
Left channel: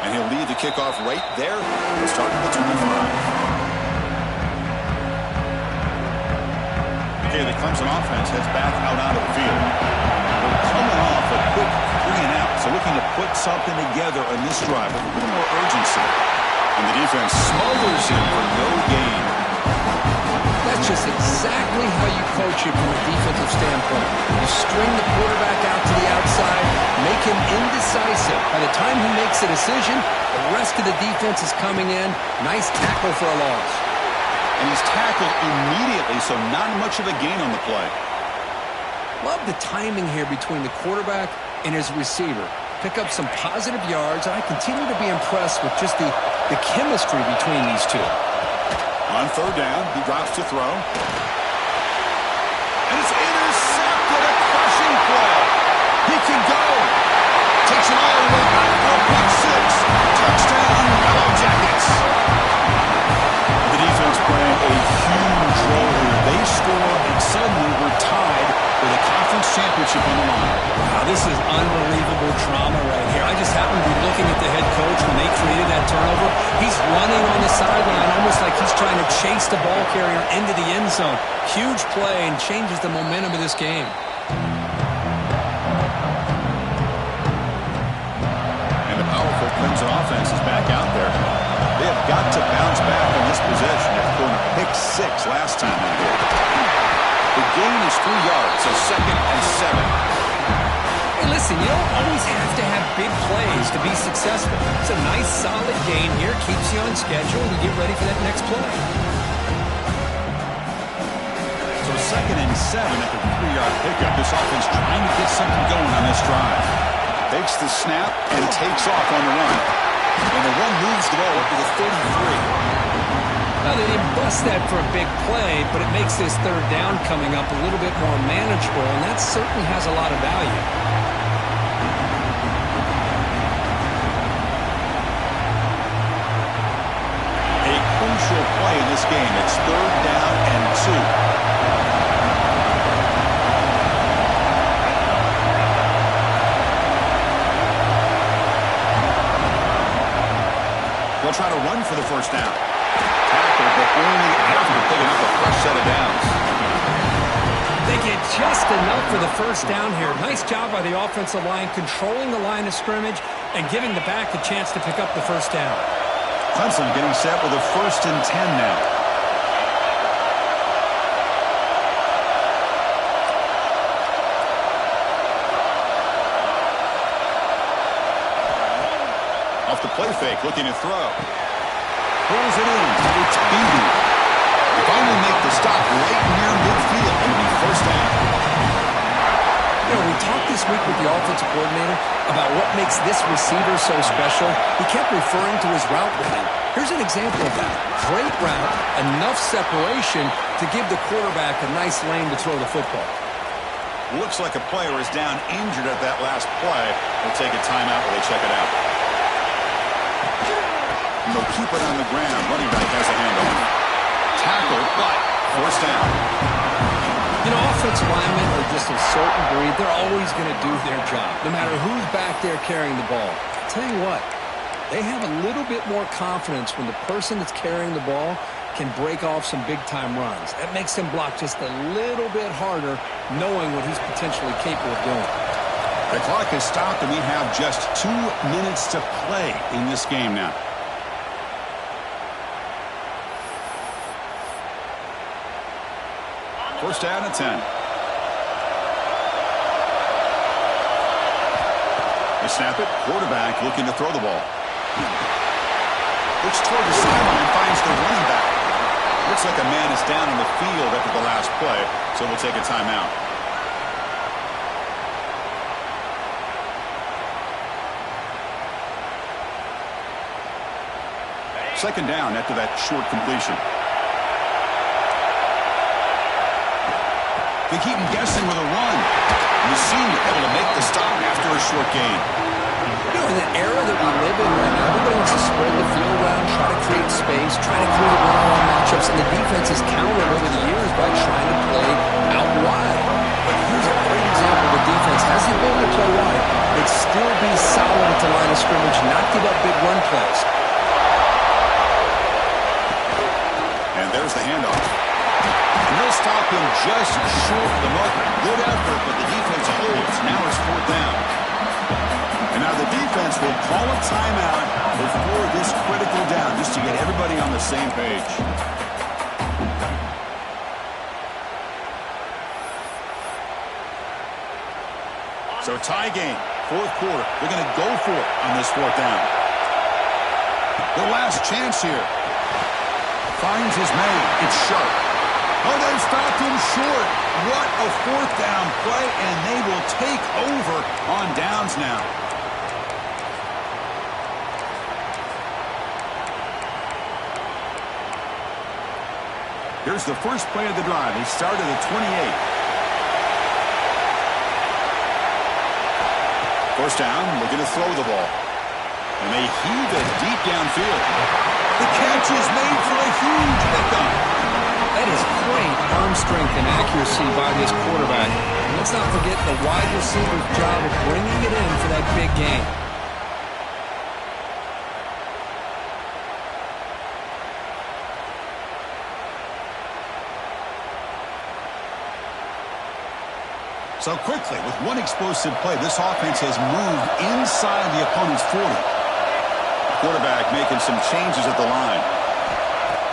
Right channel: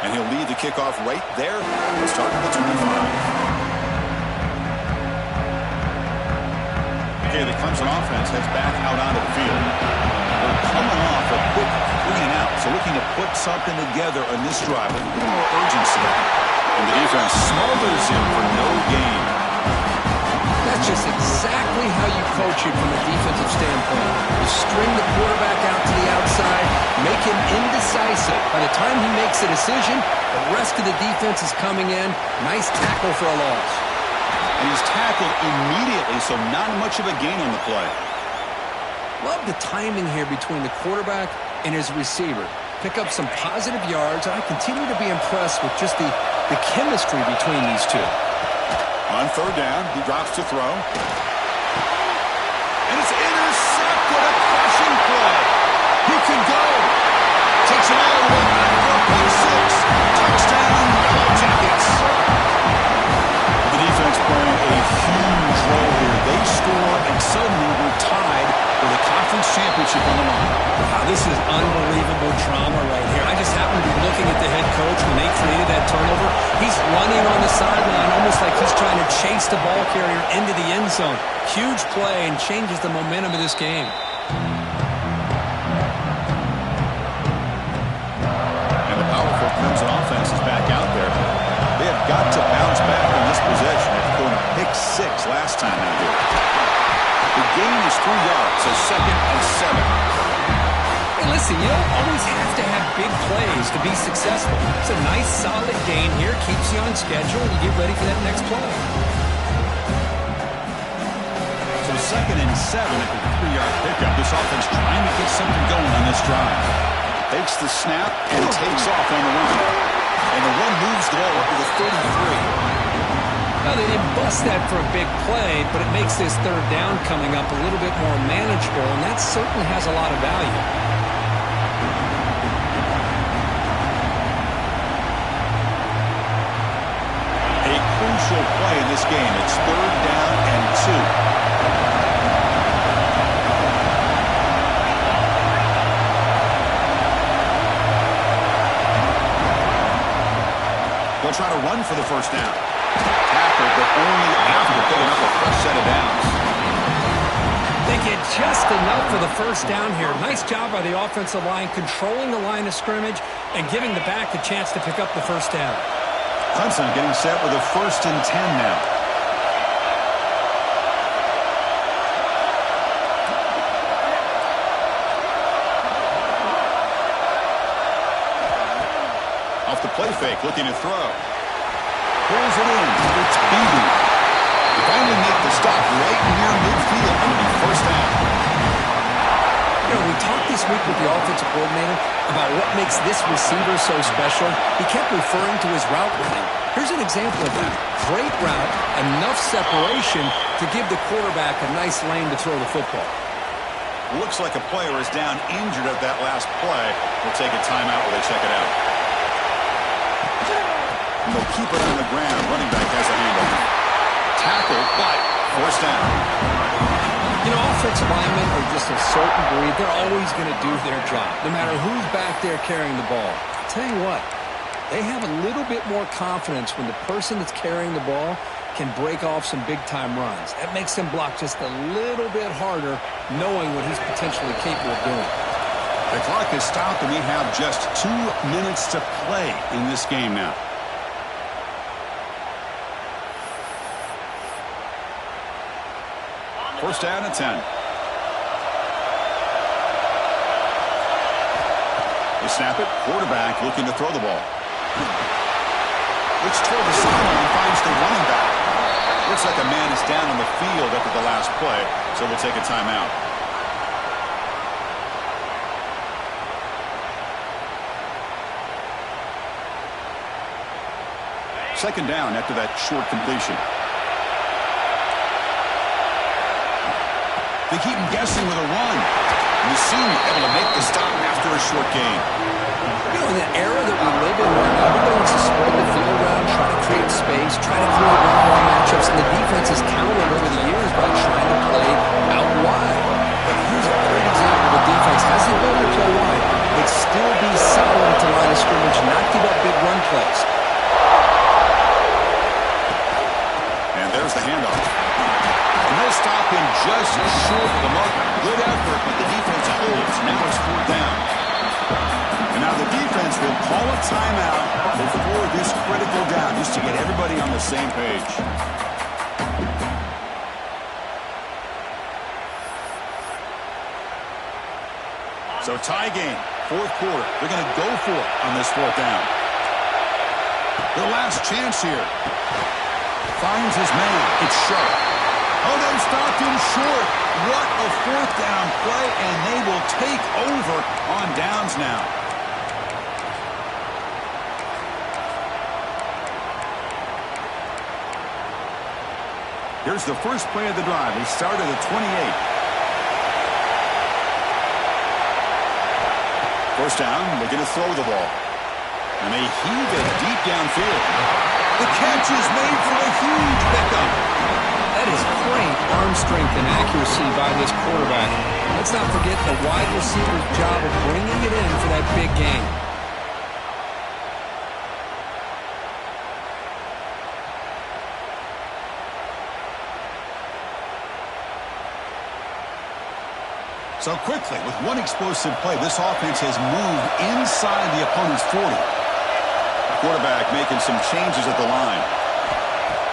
And he'll lead the kickoff right there. We'll start at the 25. Okay, the Clemson offense heads back out onto the field. They're coming off a quick 3-and-out, so looking to put something together on this drive with a little more urgency. And the defense smothers him for no gain. That's just exactly how you coach it from a defensive standpoint. You string the quarterback out to the outside, make him indecisive. By the time he makes a decision, the rest of the defense is coming in. Nice tackle for a loss. And he's tackled immediately, so not much of a gain on the play. Love the timing here between the quarterback and his receiver. Pick up some positive yards, and I continue to be impressed with just the chemistry between these two. On 3rd down, he drops to throw. And it's intercepted, a crushing play. He can go. Takes it all the way back for a pick 6. Touchdown, Yellow Jackets. The defense playing a huge role here. They score, and suddenly we're tied with a conference championship on the line. Wow, this is unbelievable drama right here. I just happen to be looking at the head coach when they created that turnover. He's running on the sideline almost like he's trying to chase the ball carrier into the end zone. Huge play and changes the momentum of this game. And the powerful Clemson offense is back out there. They have got to bounce back on this possession after throwing a pick 6 last time out here. The gain is 3 yards, so 2nd and 7. Hey, listen, you don't always have to have big plays to be successful. It's a nice, solid gain here. Keeps you on schedule, and you get ready for that next play. So 2nd and 7 after the 3-yard pickup. This offense trying to get something going on this drive. Takes the snap and takes off on the run. And the run moves the ball up to the 33. Well, they didn't bust that for a big play, but it makes this 3rd down coming up a little bit more manageable, and that certainly has a lot of value. A crucial play in this game. It's 3rd down and 2. They'll try to run for the 1st down. Tackle, but only after picking up a fresh set of downs. They get just enough for the first down here. Nice job by the offensive line, controlling the line of scrimmage and giving the back a chance to pick up the first down. Clemson getting set with a 1st and 10 now. Off the play fake, looking to throw. Pulls it in. It's Beebe. They finally make the stop right near midfield. It'll be first down. You know, we talked this week with the offensive coordinator about what makes this receiver so special. He kept referring to his route running. Here's an example of that. Great route, enough separation to give the quarterback a nice lane to throw the football. Looks like a player is down injured at that last play. We'll take a timeout while they check it out. And they'll keep it on the ground. Running back has a handoff. Tackled, but forced down. You know, offensive linemen are just a certain breed. They're always going to do their job, no matter who's back there carrying the ball. I'll tell you what, they have a little bit more confidence when the person that's carrying the ball can break off some big-time runs. That makes them block just a little bit harder, knowing what he's potentially capable of doing. The clock is stopped, and we have just 2 minutes to play in this game now. First down at 10. They snap it. Quarterback looking to throw the ball. Looks toward the sideline, finds the running back. Looks like a man is down on the field after the last play, so we'll take a timeout. Second down after that short completion. They keep him guessing with a run. And the senior able to make the stop after a short gain. You know, in the era that we live in right now, everybody wants to spread the field around, try to create space, try to create one-on-one matchups, and the defense has countered over the years by trying to play out wide. But here's a great example of a defense has the ability to play wide, but still be solid at the line of scrimmage, not give up big run plays. And there's the handoff. And they'll stop him just short of the marker. Good effort, but the defense holds. Now it's 4th down. And now the defense will call a timeout before this critical down, just to get everybody on the same page. So tie game, 4th quarter. They're going to go for it on this 4th down. The last chance here. Finds his man. It's Sharp. Oh, they've stopped him short. What a 4th down play, and they will take over on downs now. Here's the first play of the drive. They start at the 28. First down, looking to throw the ball. And they heave it deep downfield. The catch is made for a huge pickup. That is great arm strength and accuracy by this quarterback. And let's not forget the wide receiver's job of bringing it in for that big gain. So quickly, with one explosive play, this offense has moved inside the opponent's 40. The quarterback making some changes at the line.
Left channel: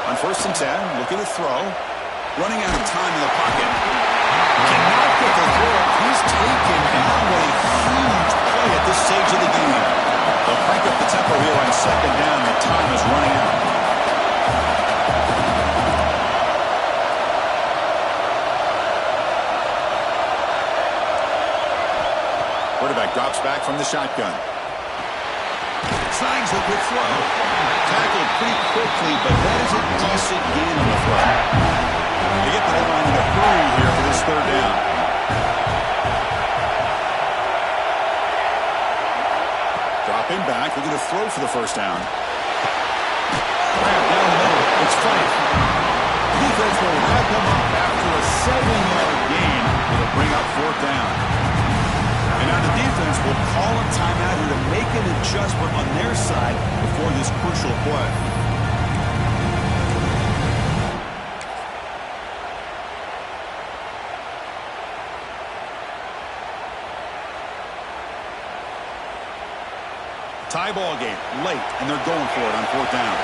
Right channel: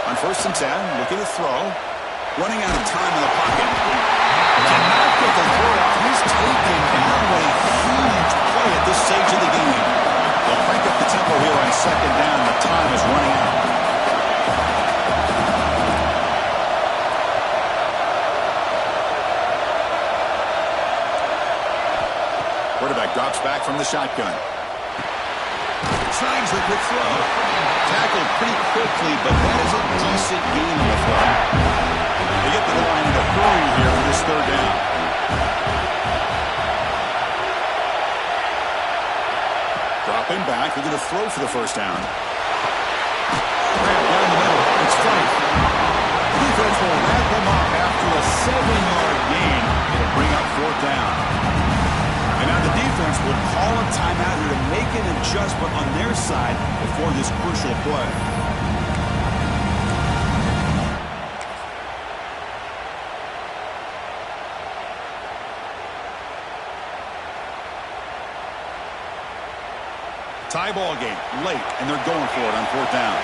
On 1st and 10, looking to throw. Running out of time in the pocket. Cannot get the throw off. He's taken down. What a huge play at this stage of the game. They'll crank up the tempo here on 2nd down. The time is running out. Quarterback drops back from the shotgun. Snags the quick throw. Tackled pretty quickly, but that is a decent gain on the throw. They get to the line in a hurry here for this 3rd down. Dropping back, looking to throw for the first down. Grab down the middle. It's Fife. The defense will wrap him up after a 7-yard gain. It'll bring up 4th down. And now the defense will call a timeout here to make an adjustment on their side before this crucial play. Tie ball game late, and they're going for it on 4th down.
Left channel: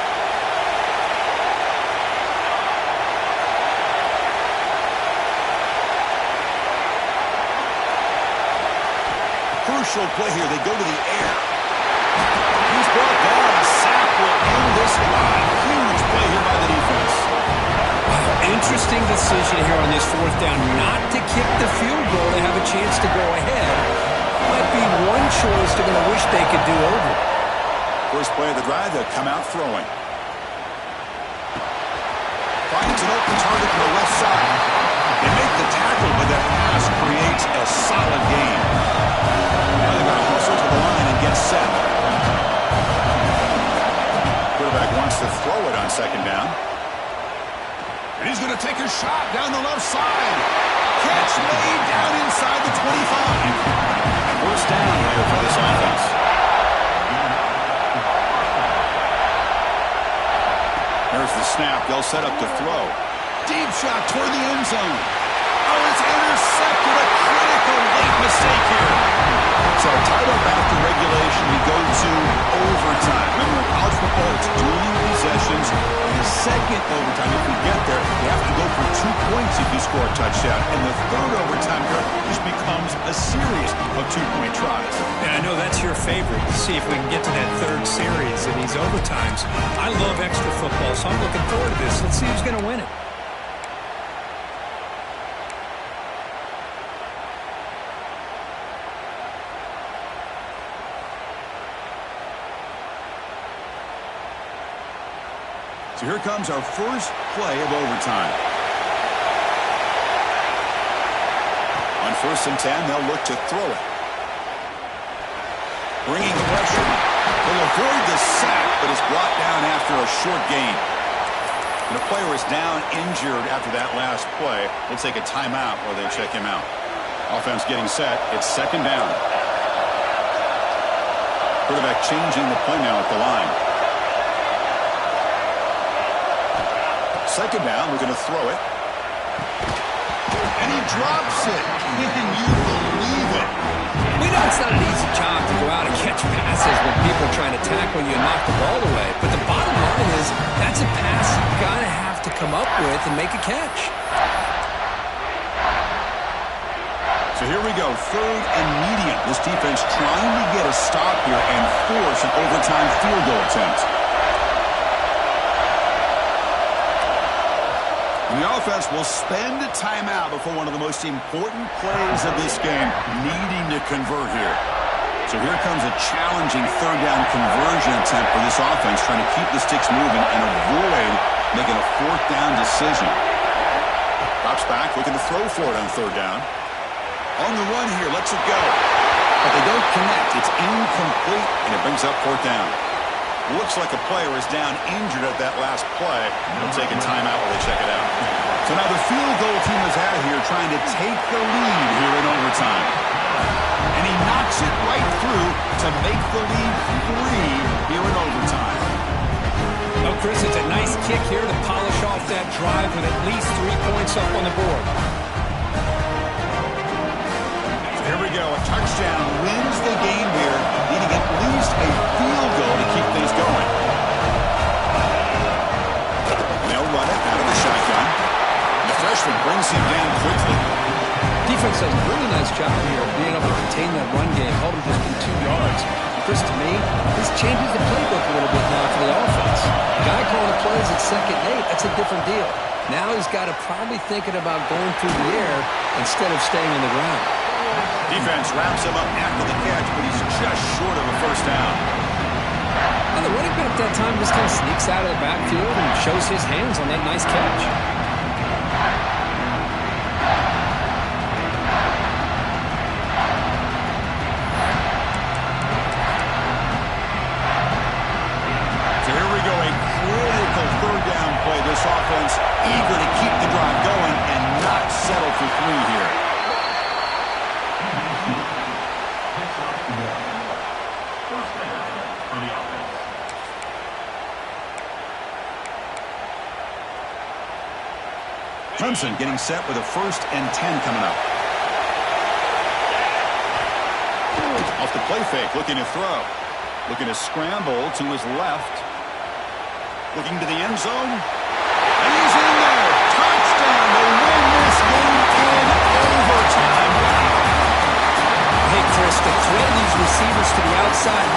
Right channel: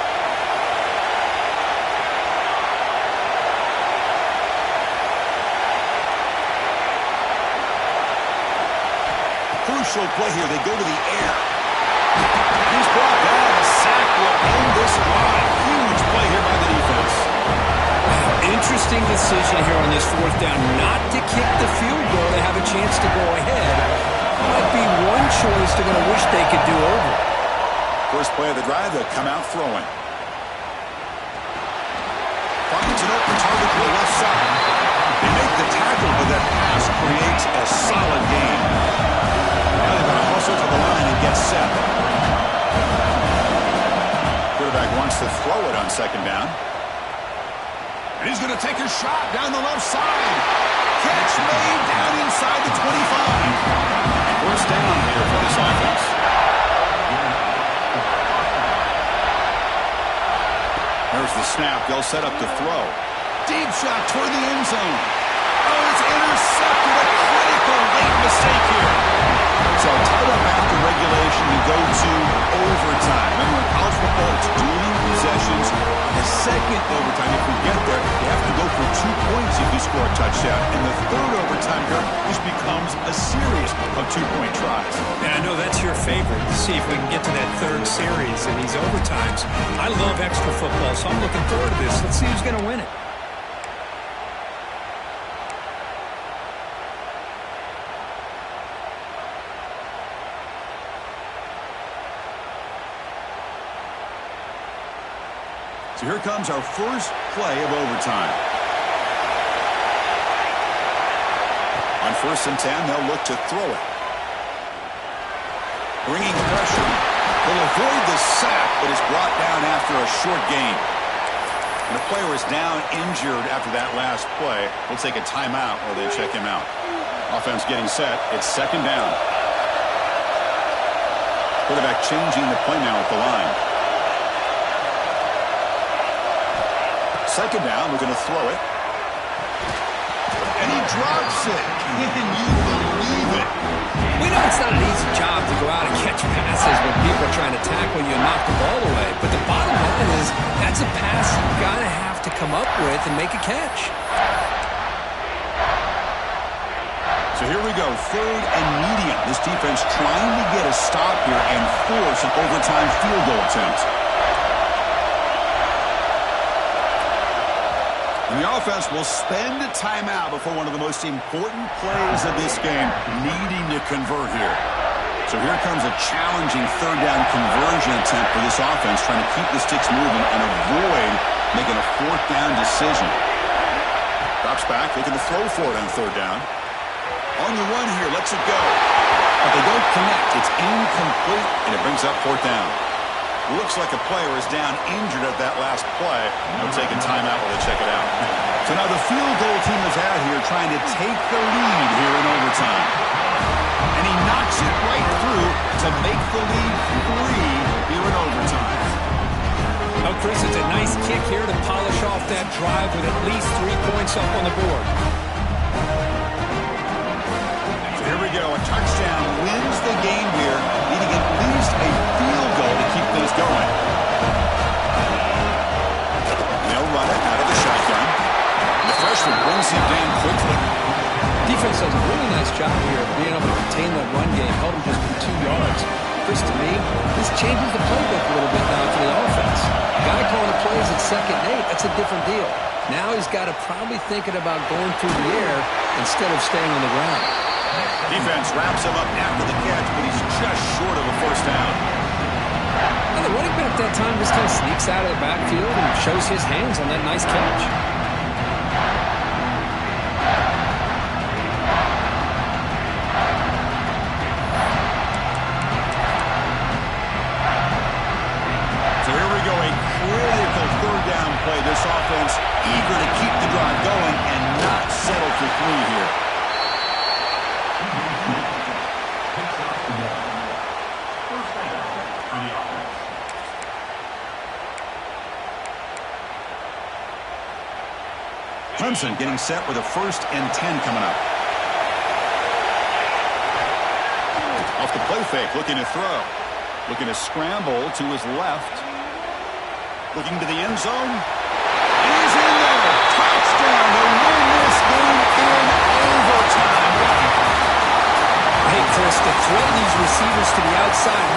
Crucial play here. They go to the air. He's brought down. A sack will end this drive. Huge play here by the defense. Wow, interesting decision here on this 4th down. Not to kick the field goal to have a chance to go ahead. Might be one choice they're going to wish they could do over. First play of the drive, they'll come out throwing. Finds an open target on the left side. They make the tackle, but that pass creates a solid gain. Now they've got to hustle to the line and get set. Quarterback wants to throw it on 2nd down. And he's going to take a shot down the left side. Catch made down inside the 25. First down here for this offense. There's the snap. They'll set up to throw. Deep shot toward the end zone. Oh, it's intercepted. A critical late mistake here. So tied up after regulation, we go to overtime. Remember, in college football, it's dueling possessions. The second overtime, if we get there, you have to go for 2 points if you score a touchdown. And the third overtime here just becomes a series of 2-point tries. And I know that's your favorite. See if we can get to that third series in these overtimes. I love extra football, so I'm looking forward to this. Let's see who's going to win it. So here comes our first play of overtime. On 1st and 10, they'll look to throw it. Bringing pressure. They'll avoid the sack, but it's brought down after a short gain. And a player is down injured after that last play. We'll take a timeout while they check him out. Offense getting set. It's 2nd down. Quarterback changing the play now at the line. 2nd down, we're going to throw it. And he drops it. Can you believe it? We know it's not an easy job to go out and catch passes when people are trying to tackle you and knock the ball away. But the bottom line is that's a pass you've got to have to come up with and make a catch. So here we go, 3rd and medium. This defense trying to get a stop here and force an overtime field goal attempt. And the offense will spend a timeout before one of the most important plays of this game, needing to convert here. So here comes a challenging 3rd down conversion attempt for this offense, trying to keep the sticks moving and avoid making a 4th down decision. Drops back, looking to throw for it on 3rd down. On the run here, lets it go. But they don't connect. It's incomplete, and it brings up 4th down. Looks like a player is down injured at that last play. They'll take a timeout while they check it out. So now the field goal team is out here trying to take the lead here in overtime. And he knocks it right through to make the lead 3 here in overtime. Oh, Chris, it's a nice kick here to polish off that drive with at least 3 points up on the board. Here we go. A touchdown wins the game here, needing at least a field goal to keep things going. They'll run it out of the shotgun. The freshman brings him down quickly. Defense does a really nice job here of being able to contain that run game, held him just from 2 yards. Chris, to me, this changes the playbook a little bit now for the offense. The guy calling the plays at 2nd and 8, that's a different deal. Now he's got to probably thinking about going through the air instead of staying on the ground. Defense wraps him up after the catch, but he's just short of a 1st down. And the running back at that time just kind of sneaks out of the backfield and shows his hands on that nice catch. So here we go, a critical 3rd down play. This offense eager to keep the drive going and not settle for 3 here. Clemson getting set with a 1st and 10 coming up. Off the play fake, looking to throw. Looking to scramble to his left. Looking to the end zone. And he's in there. Touchdown to win this game in overtime. Wow. Hey, Chris, the threat of these receivers to the outside